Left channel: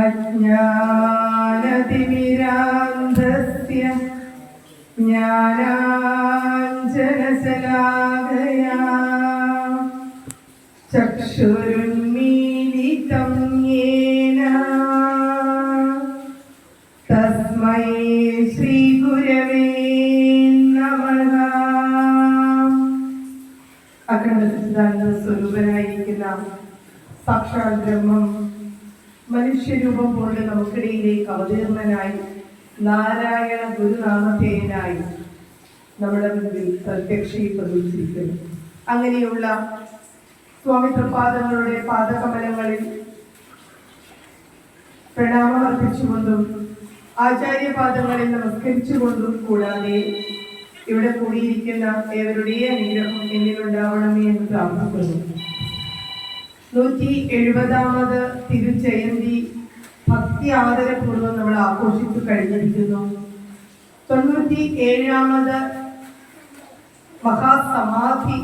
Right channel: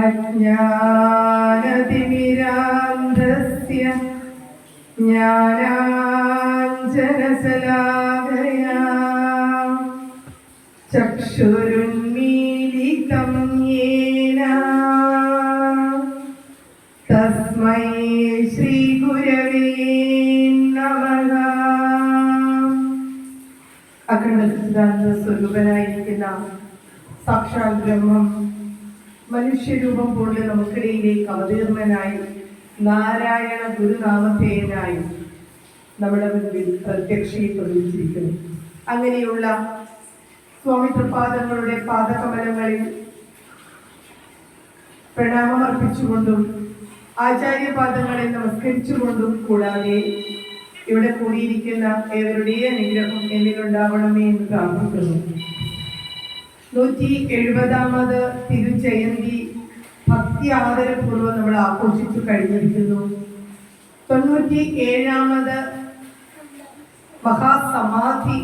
അജ്ഞാനതിമിരാന്ധസ്യ ജ്ഞാനാഞ്ജനശലാകയാ ചക്ഷുരുന്മീലിതം യേന തസ്മൈ ശ്രീഗുരവേ നമഃ. അഖണ്ഡ സിദ്ധാന്ത സ്വരൂപനായിരിക്കുന്ന സാക്ഷാൽ ബ്രഹ്മം മനുഷ്യരൂപം കൊണ്ട് നമുക്കിടയിലേക്ക് അവതീർണനായി നാരായണ ഗുരുനാമധേയനായി നമ്മുടെ മുൻപിൽ പ്രത്യക്ഷീകരിച്ചിരിക്കുന്നു. അങ്ങനെയുള്ള സ്വാമി തൃപാദങ്ങളുടെ പാദകമലങ്ങളിൽ പ്രണാമമർപ്പിച്ചുകൊണ്ടും ആചാര്യപാദങ്ങളിൽ നമസ്കരിച്ചുകൊണ്ടും കൂടാതെ ഇവിടെ കൂടിയിരിക്കുന്ന ഏവരുടെയും അനുഗ്രഹം എന്നിലുണ്ടാവണമേ എന്ന് പ്രാർത്ഥിക്കുന്നു. 170ാമത് തിരുജയന്തി ഭക്തി ആദരപൂർവ്വം നമ്മൾ ആഘോഷിച്ചു കഴിഞ്ഞിരിക്കുന്നു. 97ാമത് മഹാസമാധി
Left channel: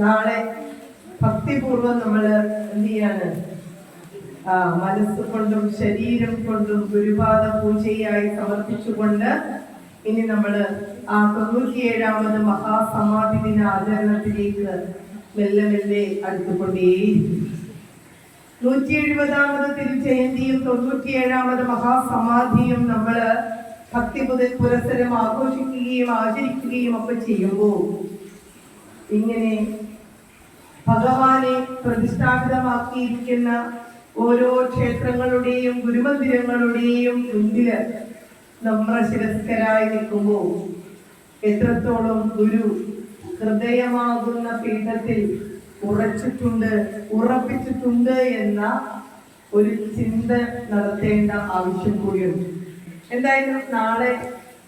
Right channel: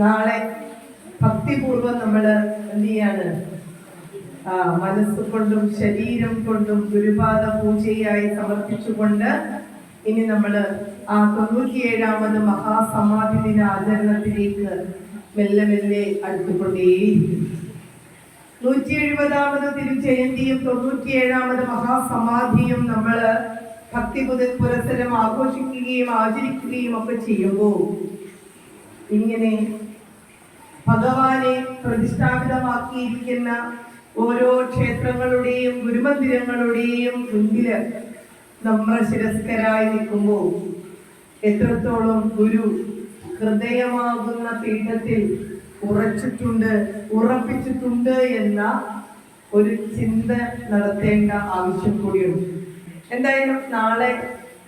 നാളെ ഭക്തിപൂർവ്വം നമ്മൾ എന്ത് ചെയ്യാണ്, മനസ്സുകൊണ്ടും ശരീരം കൊണ്ടും ഗുരുപാദ പൂജയായി സമർപ്പിച്ചുകൊണ്ട് ഇനി നമ്മൾ ആ 97ാമത് മഹാസമാധി ദിന ആചരണത്തിലേക്ക് മെല്ലെ മെല്ലെ അടുത്തുകൊണ്ടേയിരിക്കും. 170ാമത് തിരുജയന്തിയും 97ാമത് മഹാസമാധിയും നമ്മൾ ഭക്തി പുരസ്സരം ആഘോഷിക്കുകയും ആചരിക്കുകയും ഒക്കെ ചെയ്യുമ്പോൾ ഇങ്ങനെ ഭഗവാനെ പ്രതിഷ്ഠാപിതമാക്കിയിരിക്കുന്ന ഓരോ ക്ഷേത്രങ്ങളുടെയും ഗുരുമന്ദിരങ്ങളുടെയും മുൻപിൽ നമ്രശിരസ്കരായി നിൽക്കുമ്പോൾ എത്രത്തോളം ഗുരു ഹൃദയമാകുന്ന പീഠത്തിൽ ഉറപ്പിച്ചിട്ടുണ്ട് എന്ന ഒരു ചിന്ത നടത്തേണ്ട ആവശ്യം കൂടിയുണ്ട്. എന്തായാലും നാളെ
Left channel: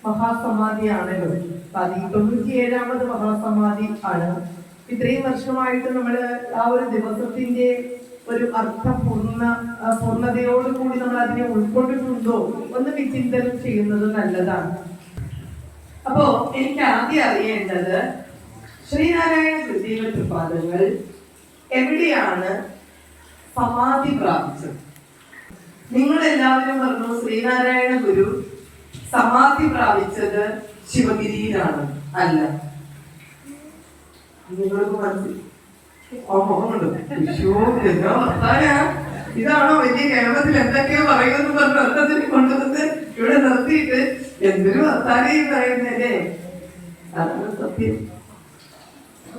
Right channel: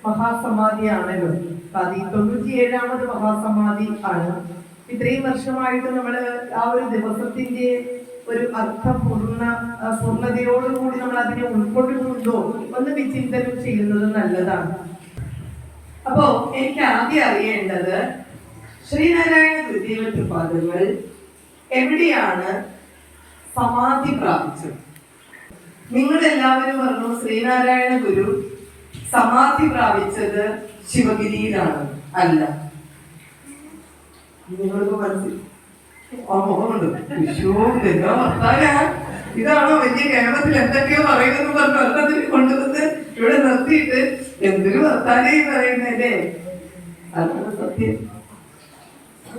മഹാസമാധിയാണല്ലോ. 97ാമത് മഹാസമാധി ആണ്. ഇത്രയും വർഷമായിട്ട് നമ്മൾ ആ ഒരു ദിവസത്തിന്റെ ഒരു പൂർണ്ണതയോടുകൂടി നമ്മൾ അതിനെ ഉൾക്കൊണ്ടിട്ടുണ്ടോ ഒന്ന് വിചിന്തനം ചെയ്യുന്നത് നല്ലതാണ്. അപ്പോ എനിക്ക് ആദ്യം അറിയേണ്ടത് ശ്രീനാരായണ ഗുരുദേവ തൃപാദങ്ങൾ എവിടെയാണ് സമാധി പ്രാപിച്ചത്? നിങ്ങൾ എല്ലാവരും പറഞ്ഞു ശ്രീനാരായണ ഗുരു സമാധി പ്രാപിച്ചത് ശിവഗിരിയിലാണ്. അല്ല, നിങ്ങൾക്ക് ഇതാണോ വലിയ കേരളത്തിൽ എന്തൊക്കെയോ പറയുമെന്ന് പറഞ്ഞു അർത്ഥത്തിന് കൊണ്ടുവന്ന് ഇവിടെ നിർത്തിയിട്ട് എന്തൊരു വർത്താനം പറയുന്നല്ലേ? അതാണ് സത്യം.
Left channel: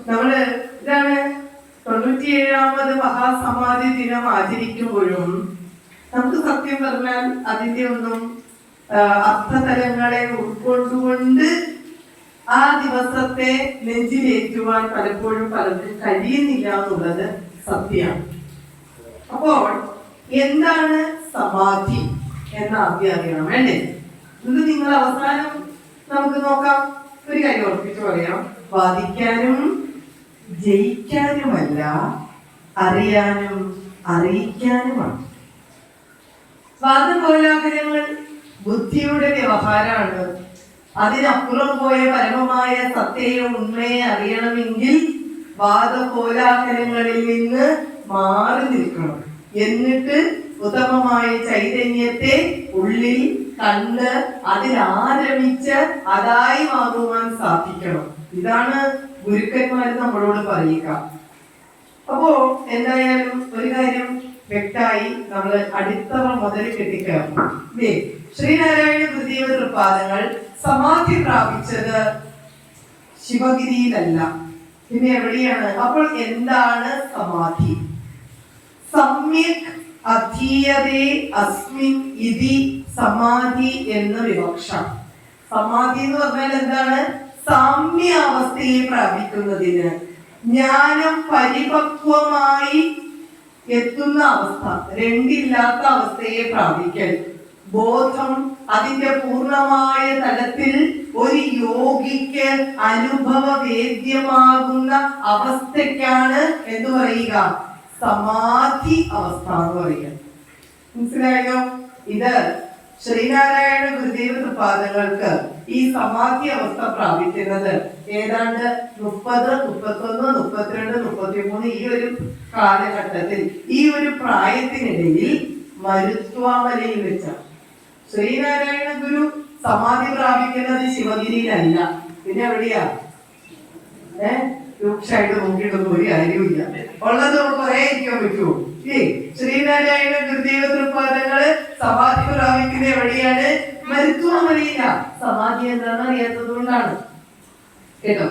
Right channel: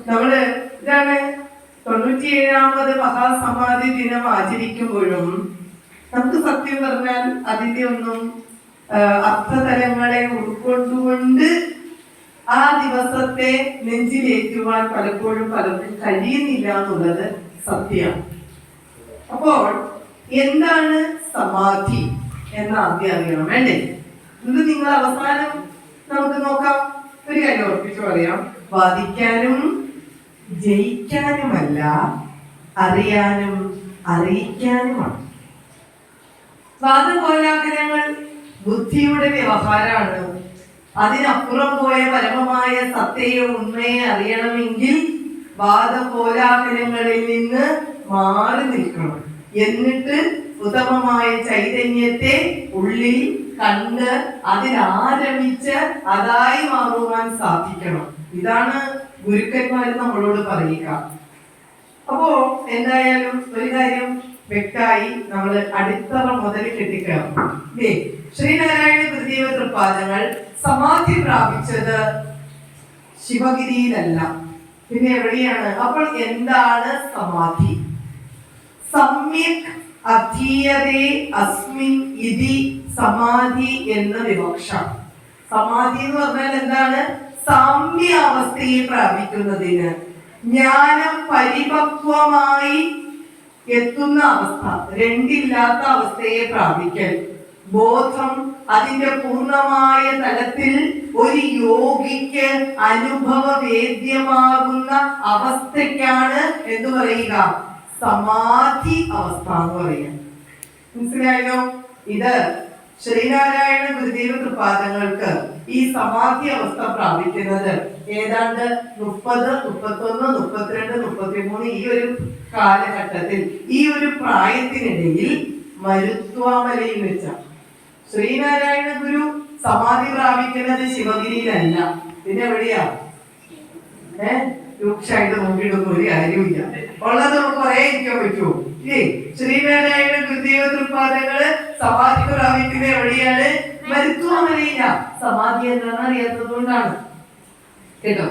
നമ്മള് ഇതാണ് 97ാമത് മഹാസമാധി ദിനം ആചരിക്കുമ്പോഴും നമുക്ക് സത്യം പറഞ്ഞാൽ അതിന്റെ ഒന്നും അർത്ഥതലങ്ങളെ ഉൾക്കൊണ്ടുകൊണ്ട് ആ ദിവസത്തെ നെഞ്ചിലേറ്റുവാൻ പലപ്പോഴും പലർക്കും കഴിയുന്നില്ല എന്നുള്ളത് സത്യമാണ്. അപ്പോൾ എന്താണ് സമാധി എന്ന് ആദ്യം അറിയണം, വേണ്ടേ? ഇത് നിങ്ങൾ അവസാനം നമുക്ക് നോക്കാം. ഒരു കാര്യം ഉറപ്പിച്ചു പറയാം, വാദിക്കാനും ജയിക്കാനുമല്ല, അറിയാനും അറിയിക്കാനുമാണ്. വാദകോലാഹലങ്ങൾ ബുദ്ധിയുടെ വ്യവഹാരമാണ്. അതിനപ്പുറം പോയ പരമമായ സത്യയെ ഉണ്മയെ അറിയണമെങ്കിൽ വാദകോലാഹലങ്ങളിൽ നിന്ന് മാറി നിൽക്കണം. എന്നിട്ട് ഉത്തമമായ ചൈതന്യത്തെ ഉള്ളിൽ കണ്ട് അതിലാരമിച്ച് അതായി മാറുവാൻ സാധിക്കണം. ഇതാണ് ഗുരുക്കന്മാര് നമ്മളോട് പറയുക. അപ്പോ എന്തായാലും ഒരു കാര്യം വ്യക്തമായി, നമ്മൾ അടിത്തറ മുതൽ കെട്ടിക്കയറും. ശ്രീനാരായണ ഗുരുദേവ തൃപാദങ്ങൾ സമാധി പ്രാപിച്ചത് ശിവഗിരിയിലല്ല, പിന്നെ എവിടെയാണ്? അപ്പോൾ എന്താണ് സമാധി? സമ്യക് അധീയതേ അസ്മിൻ ഇതി സമാധി എന്ന വിവക്ഷ. സമാധി എന്ന് പറഞ്ഞാൽ എന്താണ്? സാമ്യ അവസ്ഥയെ പ്രാപിക്കുന്നതിന്, ജ്ഞാനം പരിപക്വമായി എത്തുന്ന അവസ്ഥ, രണ്ടില്ലാത്ത അവസ്ഥയെ പ്രാപിക്കൽ, ബോധം അതിന്റെ പൂർണ്ണമായ തലത്തിൽ ഒരു യോഗിക്ക് അനുഭവവേദ്യമാകുന്ന അവസ്ഥയ്ക്കാണ് എന്ത് പറയുക? സമാധി അവസ്ഥ എന്ന് പറയുക. മനസ്സിലായോ? ഇത് ശ്രീനാരായണ ഗുരുദേവ തൃപാദങ്ങൾക്ക് ഈ സമാധി അവസ്ഥ പ്രാപിക്കുന്നത് ഏതാണ്ട് 30, 31, 32, 33 ഈ ഒരു കാലഘട്ടത്തിൽ, ഈ ഒരു പ്രായത്തിനിടയിൽ മരുത്വാമലയിൽ വെച്ചാണ്. ശ്രീനാരായണ ഗുരു സമാധി പ്രാപിക്കുന്നത് ശിവഗിരിയിലല്ല, പിന്നെ എവിടെയാ? രൂക്ഷമായിട്ട് നോക്കിയിട്ടൊന്നും ഒരു കാര്യമില്ല. ഉള്ളത് കുറെ ഇരിക്കാൻ പറ്റുമോ? ശ്രീനാരായണ ഗുരുദേവ തൃപ്പാദങ്ങള് സമാധി പ്രാപിക്കുന്നത് എവിടെയാണ്? മരുത്വാമലയില. സമാധി എന്താണെന്ന് അറിയാത്തത് കൊണ്ടാണ് കേട്ടോ.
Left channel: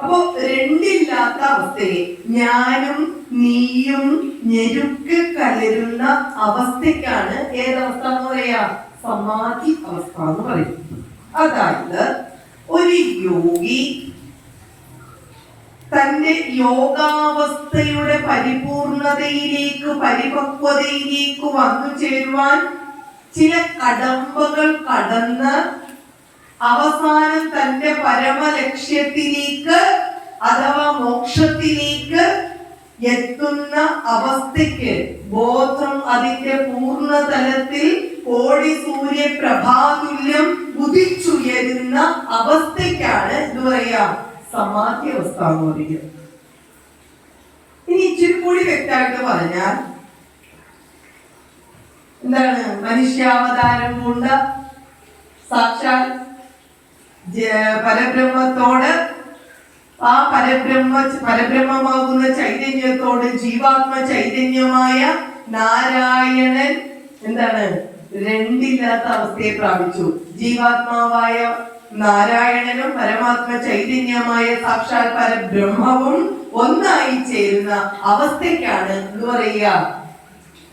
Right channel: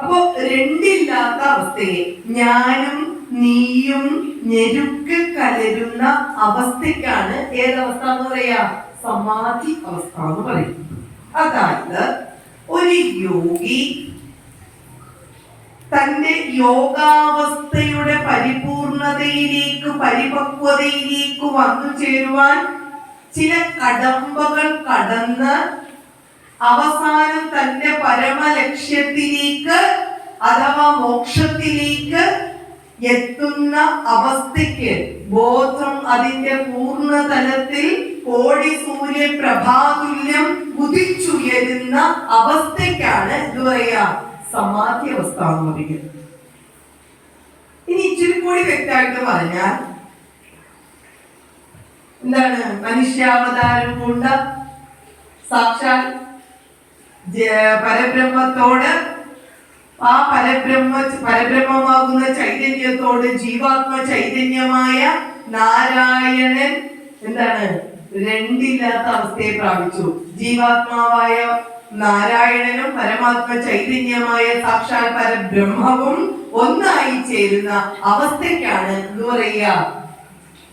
അപ്പോ രണ്ടില്ലാത്ത അവസ്ഥയെ, ഞാനും നീയും ഞെരുക്ക് കലരുന്ന അവസ്ഥയ്ക്കാണ് ഏതവസ്ഥ എന്ന് പറയാ? സമാധി അവസ്ഥ എന്ന് പറയും. അതായത് ഒരു യോഗി തന്റെ യോഗാവസ്ഥയുടെ പരിപൂർണതയിലേക്ക്, പരിപക്വതയിലേക്ക് വന്നു ചേരുവാൻ ചില കടമ്പകൾ കടന്ന് അവസാനം തന്റെ പരമലക്ഷ്യത്തിലേക്ക് അഥവാ മോക്ഷത്തിലേക്ക് എത്തുന്ന അവസ്ഥയ്ക്ക്, ബോധം അതിന്റെ പൂർണ്ണതലത്തിൽ കോടി സൂര്യ പ്രഭാതുല്യം ഉദിച്ചുയരുന്ന അവസ്ഥയ്ക്കാണ് എന്ത് പറയാ? സമാധി അവസ്ഥ എന്ന് പറയുന്നത്. ഇനി ഇച്ചിരി കൂടി വ്യക്തമായിട്ട് പറഞ്ഞാൽ എന്താണ്? മനുഷ്യാവതാരം കൊണ്ട് സാക്ഷാൽ പരബ്രഹ്മത്തോട്, ആ പരബ്രഹ്മമാകുന്ന ചൈതന്യത്തോട് ജീവാത്മ ചൈതന്യമായ നാരായണൻ എന്താണ്? രണ്ടില്ലാത്ത അവസ്ഥയെ പ്രാപിച്ചു. ജീവാത്മാവായ നാരായണനും പരമാത്മ ചൈതന്യമായ സാക്ഷാൽ പരബ്രഹ്മവും ഒന്നായി ചേരുന്ന അവസ്ഥയ്ക്കാണ് എന്ന് പറയുക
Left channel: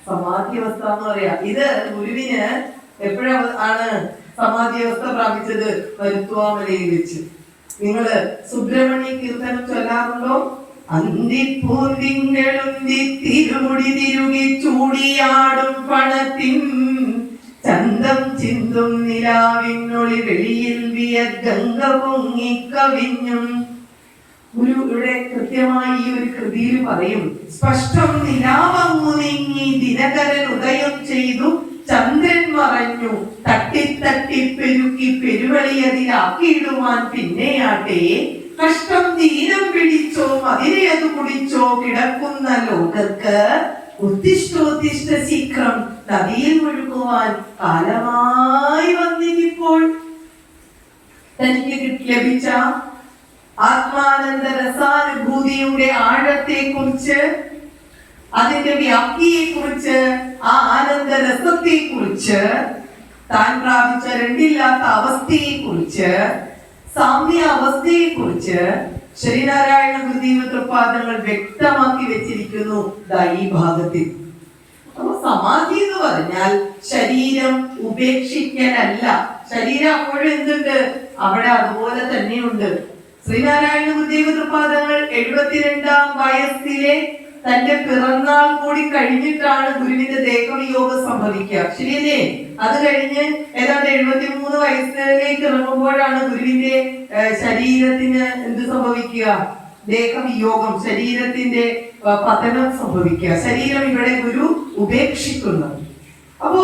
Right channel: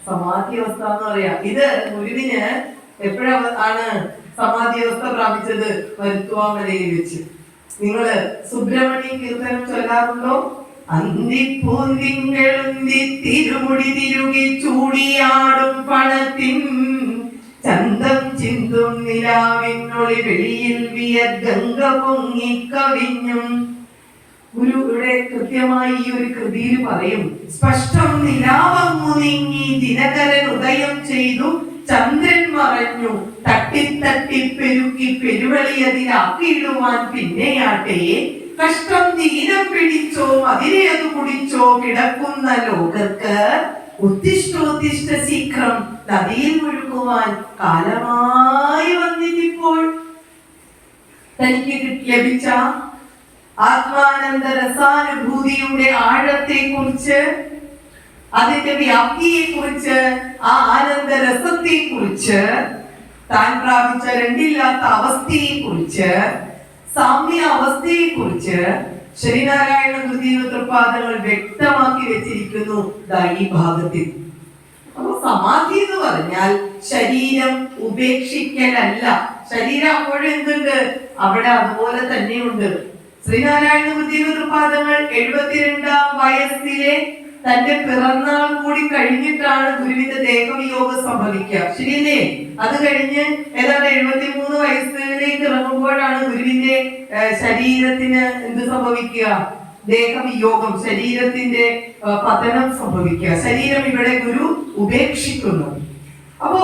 സമാധി അവസ്ഥ എന്ന് പറയാ. ഇത് ഗുരുവിന് എപ്പോഴാണ് സമാധി അവസ്ഥ പ്രാപിച്ചത്? മരുത്വാമലയിൽ വെച്ച്. നിങ്ങള് സുബ്രഹ്മണ്യ കീർത്തനം ചൊല്ലാറുണ്ടോ? അന്തിപ്പൂന്തിങ്കളുന്തി തിരുമുടി തിരുകി ചൂടിയാടും പണത്തിൻ ചന്തം ചിന്തും നിലാവിനൊളി വെളിയിൽ വിയർഗംഗ പൊങ്ങിക്കവിഞ്ഞും. ഗുരു ഇവിടെ കൃത്യമായി ഈ ഒരു കൃതിയിൽ പറയും, സ്പഷ്ടം നിലാവങ്ങു നീങ്ങി ദിനകരൻ ഉദയം ചെയ്തു ചന്ദ്രൻ മറഞ്ഞു തട്ടിത്തട്ടി പെരുക്കി പെരുവളിയതിലാക്കിയിടുവാൻ പിന്നെയാട്ടെ കഷ്ടം ദീനം പിടിച്ചോ അതിനെ അത് കുടിച്ചോ കിടക്കുന്ന ലോകർക്ക് ഉത്തിഷ്ടോത്തിഷ്ട ശീഘ്രം നദിയിൽ മുഴുകുവാൻ കാലമായി വന്നിട്ടിപ്പോൾ. തനിക്ക് ലഭിച്ച ആത്മാനന്ദ രസാനുഭൂതിയുടെ ആഴത്തെ കുറിച്ച്, അതിന്റെ വ്യാപ്തിയെ കുറിച്ച്, ആ ആനന്ദ രസത്തെ കുറിച്ച്, താൻ പ്രാപിച്ച രണ്ടില്ലാത്ത അവസ്ഥയെ കുറിച്ച്, സാമ്യ അവസ്ഥയെ കുറിച്ച് ശ്രീനാരായണ ഗുരുദേവ തൃപ്പാദങ്ങൾ വ്യക്തമാക്കി വെച്ചിരിക്കുന്നു ഈ ഭാഗത്തിൽ. അപ്പൊ സമാധി എന്ന് പറഞ്ഞാൽ ശരീരം ഉപേക്ഷിക്കലല്ല. ശരീരം അപ്പോഴും എന്തുണ്ട്? അവിടെ അതുപോലെ തന്നെയുണ്ട്. ശ്രീനാരായണ ഗുരുദേവ തൃപ്പാദങ്ങൾ 72-ാം വയസ്സിലെ തന്റെ പിറന്നാൾ കൂടി കഴിഞ്ഞിട്ടാണ് ഗുരുവിന്റെ ദേഹവിയോഗം സംഭവിക്കുക. ശരിയല്ലേ? അത് കഴിഞ്ഞ് ഏതാണ്ട് 73 വയസ്സിലേക്ക് ഇറങ്ങുമ്പോഴാണ് ഗുരുവിന്റെ ശരീരത്തിന് എന്ത് സംഭവിക്കുക? ദേഹവിയോഗം, ശരീരത്തിന്റെ പതനം സംഭവിക്കുക. ശരീരം ഇവിടെ ഗുരു ഉപേക്ഷിക്കുന്നു. അപ്പോ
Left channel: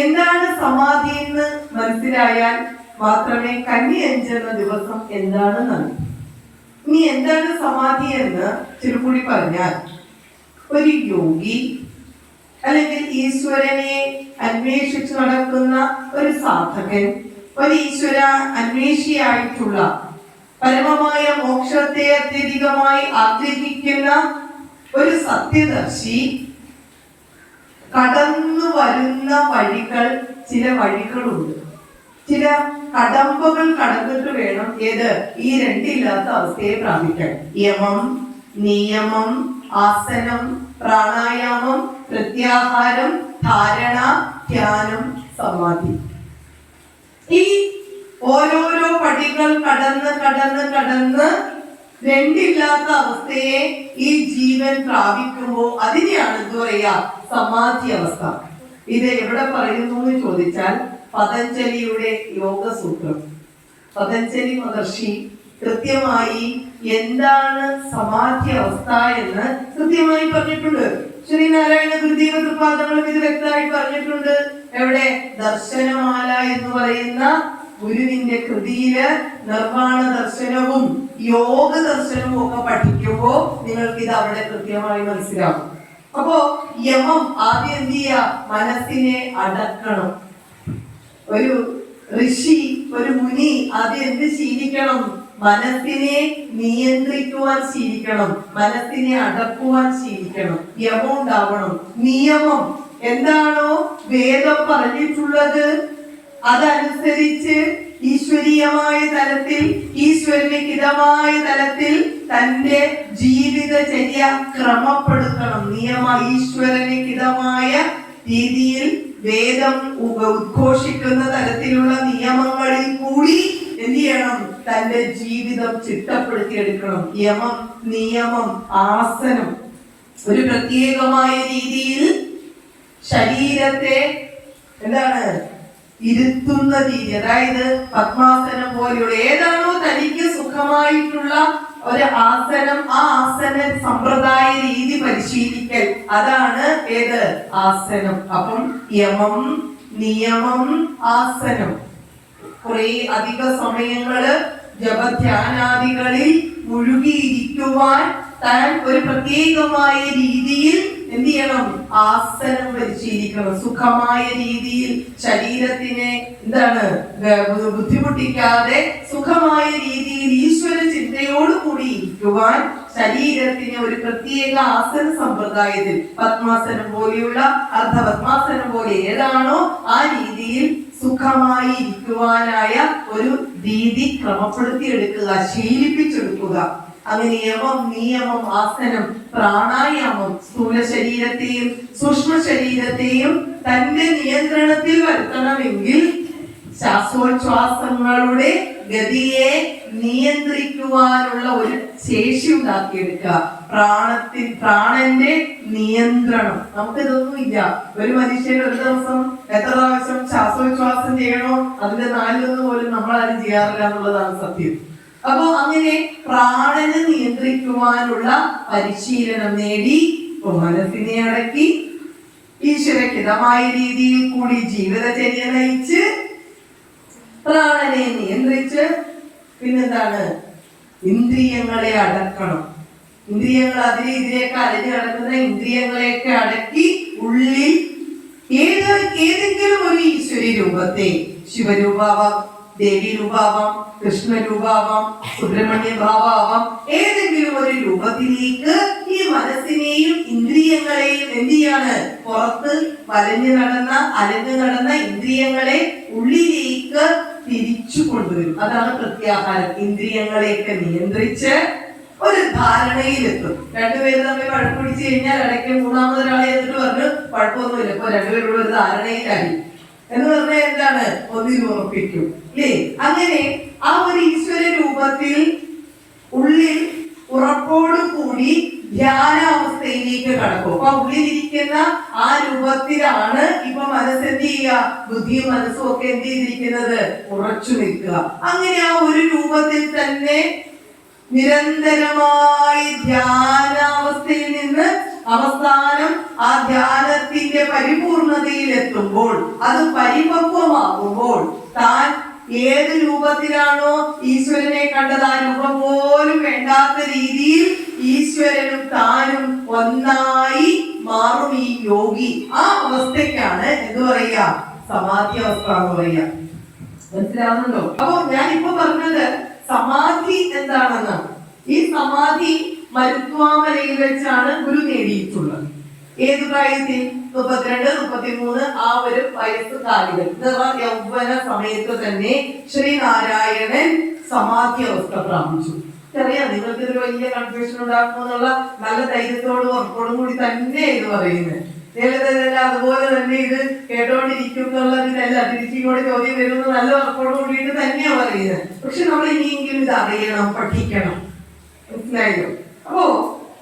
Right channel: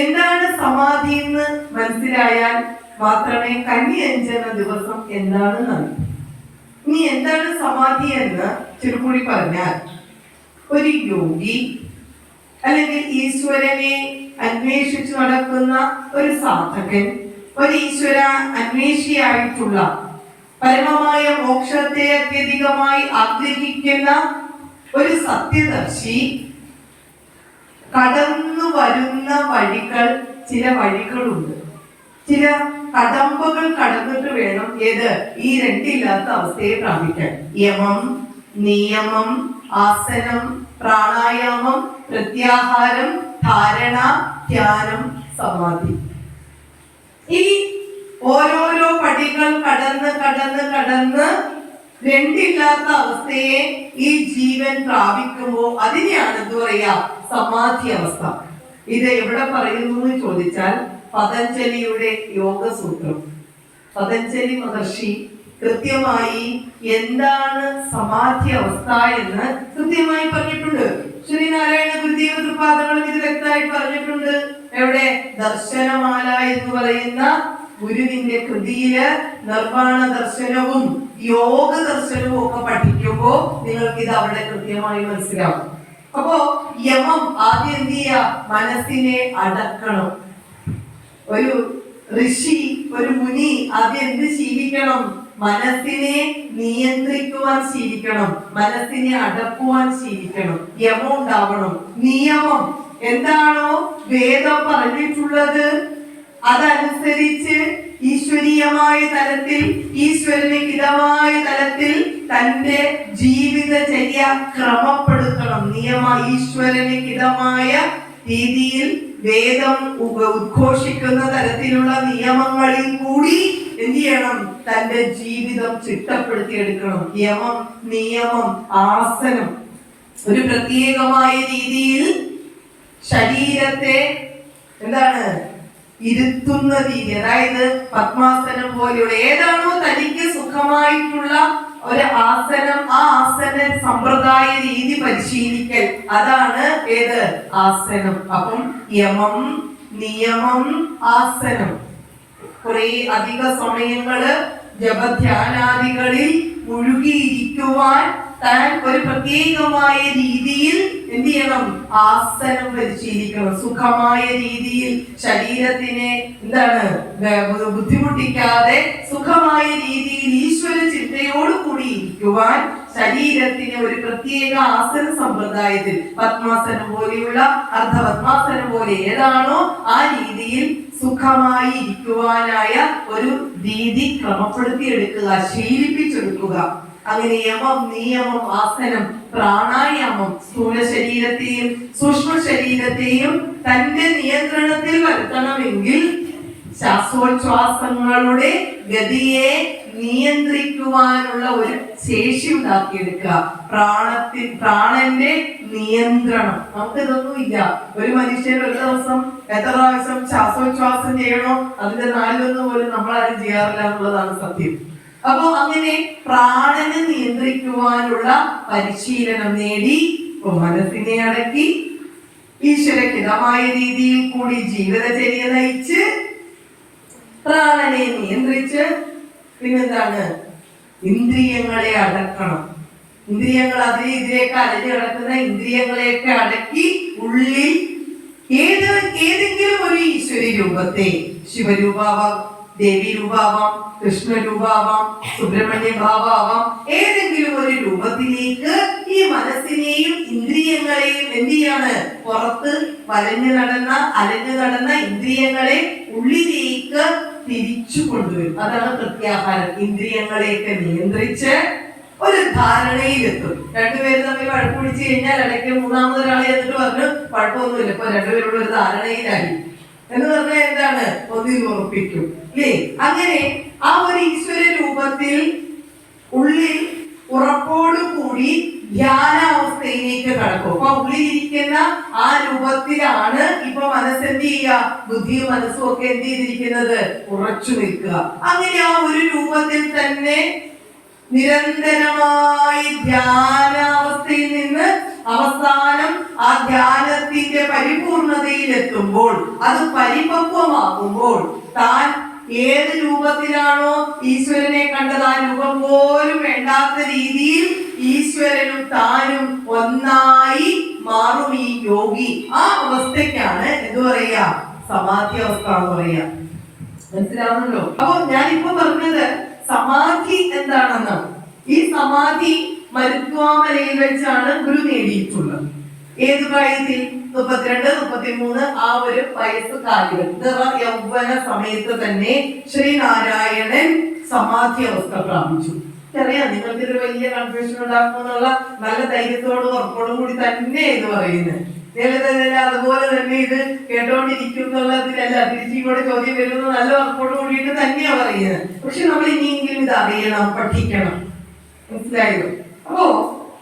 എന്താണ് സമാധി എന്ന് മനസ്സിലായാൽ മാത്രമേ കന്നി അഞ്ചെന്ന ദിവസം എന്താണെന്ന് അറിയൂ. ഇനി എന്താണ് സമാധി എന്ന് ചുരുക്കൂടി പറഞ്ഞാൽ, ഒരു യോഗി അല്ലെങ്കിൽ ഈശ്വരനെ അന്വേഷിച്ചു നടക്കുന്ന ഒരു സാധകൻ, ഒരു ഈശ്വര അന്വേഷിയായിട്ടുള്ള, പരമമായ മോക്ഷത്തെ അത്യധികമായി ആഗ്രഹിക്കുന്ന ഒരു സത്യദർശി കടന്നു വരുന്ന വഴികൾ, ചില വഴികളുണ്ട്, ചില കടമ്പകൾ കടന്നിട്ട് വേണം ഏത്? ഈ രണ്ടില്ലാത്ത അവസ്ഥയെ പ്രാപിക്കാൻ. യമം, നിയമം, ആസനം, പ്രാണായാമം, പ്രത്യാഹാരം, ധാരണ, ധ്യാനം, സമാധി. ഈ ഓരോരോ പടികൾ കടന്ന് കടന്ന് കടന്ന് രണ്ടില്ലാത്ത അവസ്ഥയെ ഈ ജീവൻ പ്രാപിക്കുമ്പോൾ അതിനെയാണ് എന്ത് പറയാ? സമാധി അവസ്ഥ. ഇത് എവിടെ പറയുന്നു എന്ന് ചോദിച്ചാൽ പതഞ്ജലിയുടെ യോഗസൂത്രം. പതഞ്ജലി മഹർഷി കൃത്യമായി എന്താണ് സമാധി അവസ്ഥ എന്ന് കൃത്യമായി പറഞ്ഞിട്ടുണ്ട്. ശ്രീനാരായണ ഗുരുദേവ തൃപ്പാദങ്ങളും ഇത് വ്യക്തമായി പറഞ്ഞിട്ടുണ്ട്. എവിടെ? ദർശനമാല എന്ന് പറയുന്ന ഗുരുവിന്റെ കൃതിയില് നിർവാണ ദർശനവും യോഗ ദർശനവും ഒക്കെ പഠിക്കുമ്പോൾ നിങ്ങൾക്ക് ഇത് അവിടെ കൃത്യമായി മനസ്സിലാവും. അപ്പോ യമം ആദ്യം എന്ത് ചെയ്യുക? മനസ്സിനെ അടക്കണം. ഒരു ഋഷി, ഒരു മുനി ആദ്യം എന്ത് ശീലിക്കണം? മനസ്സിനെ നിയന്ത്രിക്കുവാൻ ശീലിക്കണം, മനസ്സിനെ അടക്കുവാൻ ശീലിക്കണം. യമം ഉണ്ടാവണം. നിയമം എന്താണോ വേദം പറഞ്ഞിട്ടുള്ളത് അതനുസരിച്ച് ഈശ്വരീയമായ തലത്തിൽ, ഈശ്വരന് ഹിതമായ തലത്തിൽ തന്റെ ജീവിതചര്യ ക്രമപ്പെടുത്തണം. ഈശ്വരന് ഹിതമായ രീതിയിൽ വേദം ഉദ്ഘോഷിക്കുന്ന തരത്തിലുള്ള നിയമങ്ങളിൽ കൂടി എന്ത് ചെയ്യണം? തന്റെ ജീവിതം ചിട്ടപ്പെടുത്തിയെടുക്കണം. യമം, നിയമം, ആസനം, ഒരു പ്രത്യേകമായ രീതിയിൽ ശരീരത്തെ എന്താണ് ഇരുത്തുന്ന രീതി, അതായത് പത്മാസനം പോലെയുള്ള ഏതാണോ തനിക്ക് സുഖമായിട്ടുള്ള ഒരു ആസനം, ആ ആസന സമ്പ്രദായ രീതി പരിശീലിക്കൽ, അതാണ് ഏത്? ആസനം. അപ്പം യമം, നിയമം, ആസനം. കുറെ അധിക സമയങ്ങള് ജപധ്യാനാദികളിൽ മുഴുകിയിരിക്കുവാൻ താൻ ഒരു പ്രത്യേകമായ രീതിയിൽ എന്ത് ചെയ്യണം? ആസനം പരിശീലിക്കണം. സുഖമായ രീതിയിൽ ശരീരത്തിനെ എന്താണ് ബുദ്ധിമുട്ടിക്കാതെ സുഖമായ രീതിയിൽ ഈശ്വര ചിന്തയോട് കൂടി ഇരിക്കുവാൻ ശരീരത്തിന് ഒരു പ്രത്യേക ആസന സമ്പ്രദായത്തിൽ പത്മാസനം പോലെയുള്ള അർദ്ധപത്മാസനം പോലെ ഏതാണോ ആ രീതിയിൽ സുഖമായി ഇരിക്കുവാനായ ഒരു രീതി ക്രമപ്പെടുത്തിയെടുക്കുക, ശീലിപ്പിച്ചെടുക്കുക. അങ്ങനെ യമം, നിയമം, ആസനം, പ്രാണായാമം സ്ഥൂല ശരീരത്തെയും സൂക്ഷ്മ ശരീരത്തെയും തന്റെ നിയന്ത്രണത്തിൽ വരുത്തണമെങ്കിൽ ശ്വാസോച്ഛ്വാസങ്ങളുടെ ഗതിയെ നിയന്ത്രിക്കുവാനുള്ള ഒരു ശേഷി ഉണ്ടാക്കിയെടുക്കുക. പ്രാണന്റെ നിയന്ത്രണം. നമുക്കിതൊന്നും ഇല്ല. ഒരു മനുഷ്യൻ ഒരു ദിവസം എത്ര പ്രാവശ്യം ശ്വാസോച്ഛ്വാസം ചെയ്യണോ അതിന്റെ 4 പോലും നമ്മളാരും ചെയ്യാറില്ല എന്നുള്ളതാണ് സത്യം. അപ്പോ അങ്ങനെ പ്രാണനെ നിയന്ത്രിക്കുവാനുള്ള പരിശീലനം നേടി മനസ്സിനെ അടക്കി ഈശ്വരഹിതമായ രീതിയിൽ കൂടി ജീവിതചര്യ നയിച്ച് പ്രാണനെ നിയന്ത്രിച്ച് പിന്നെന്താണ്? ഇന്ദ്രിയങ്ങളെ അടക്കണം. ഇന്ദ്രിയങ്ങൾ അതിലേക്ക് അലഞ്ഞു കിടക്കുന്ന ഇന്ദ്രിയങ്ങളെയൊക്കെ അടക്കി ഉള്ളിൽ ഏതെങ്കിലും ഒരു ഈശ്വര രൂപത്തെ, ശിവരൂപാവാം, ദേവി രൂപാവാം, കൃഷ്ണരൂപാവാം, സുബ്രഹ്മണ്യ ഭാവാവാം, ഏതെങ്കിലും ഒരു രൂപത്തിലേക്ക് ഈ മനസ്സിനെയും ഇന്ദ്രിയങ്ങളെയും എന്ത് ചെയ്യാണ്? പുറത്ത് അലഞ്ഞു നടന്ന ഇന്ദ്രിയങ്ങളെ ഉള്ളിലേക്ക് തിരിച്ചു കൊണ്ടുവരും. അതാണ് പ്രത്യാഹാരം. ഇന്ദ്രിയങ്ങളെയൊക്കെ നിയന്ത്രിച്ച് ഒരു ധാരണയിലെത്തും. രണ്ടുപേരും തമ്മിൽ വഴക്ക് പിടിച്ചു കഴിഞ്ഞാൽ ഇടയ്ക്ക് മൂന്നാമതൊരാളെ എന്നിട്ട് പറഞ്ഞു കുഴപ്പമൊന്നുമില്ല, ഇപ്പൊ രണ്ടുപേരുള്ള ഒരു ധാരണയിലായി എന്ന് പറഞ്ഞാൽ എന്താണ്? ഒന്നിൽ ഉറപ്പിക്കും അല്ലേ? അങ്ങനെ ആ ഒരു ഈശ്വര രൂപത്തിൽ ഉള്ളിൽ ഉറപ്പോടു കൂടി ധ്യാനാവസ്ഥയിലേക്ക് കടക്കും. അപ്പൊ ഉള്ളിലിരിക്കുന്ന ആ രൂപത്തിലാണ് ഇപ്പൊ മനസ്സെന്ത് ചെയ്യുക? ബുദ്ധിയും മനസ്സും ഒക്കെ എന്ത് ചെയ്തിരിക്കുന്നത്? ഉറച്ചു നിൽക്കുക. അങ്ങനെ ആ ഒരു രൂപത്തിൽ തന്നെ നിരന്തരമായി ധ്യാനാവസ്ഥയിൽ നിന്ന് അവസാനം ആ ധ്യാനത്തിന്റെ പരിപൂർണതയിൽ എത്തുമ്പോൾ, അത് പരിപക്വമാകുമ്പോൾ താൻ ഏത് രൂപത്തിലാണോ ഈശ്വരനെ കണ്ടത് ആ രൂപം പോലും വേണ്ടാത്ത രീതിയിൽ ഈശ്വരനും താനും ഒന്നായി മാറും ഈ യോഗി. ആ അവസ്ഥയ്ക്കാണ് എന്ത് പറയുക? സമാധി അവസ്ഥ എന്ന് പറയുക. മനസ്സിലാവുന്നുണ്ടോ? അപ്പൊ ഞാനിപ്പോ പറഞ്ഞത് സമാധി എന്താണെന്ന്. ഈ സമാധി മരുത്വാമലയിൽ വെച്ചാണ് ഗുരു നേടിയിട്ടുള്ളത്. ഏത് പ്രായത്തിൽ? 32, 33 ആ ഒരു വയസ്സ് കാലഘട്ടം, യൗവന സമയത്ത് തന്നെ ശ്രീനാരായണൻ സമാധി അവസ്ഥ പ്രാപിച്ചു. അറിയാം, നിങ്ങൾക്ക് ഇത് വലിയ കൺഫ്യൂഷൻ ഉണ്ടാക്കുമെന്നുള്ള നല്ല ധൈര്യത്തോടും ഉറപ്പോടും കൂടി തന്നെ എന്ന് പറയുന്നത്. നേരത്തെ അതുപോലെ തന്നെ ഇത് കേട്ടോണ്ടിരിക്കും എന്നുള്ളതിനല്ല, തിരിച്ചിങ്ങോട്ട് ചോദ്യം വരുന്നത് നല്ല ഉറപ്പോട് കൂടിയിട്ട് തന്നെയാണ് പറയുന്നത്. പക്ഷെ നമ്മൾ ഇനിയെങ്കിലും ഇത് അറിയണം, പഠിക്കണം. മനസ്സിലായോ? അപ്പോ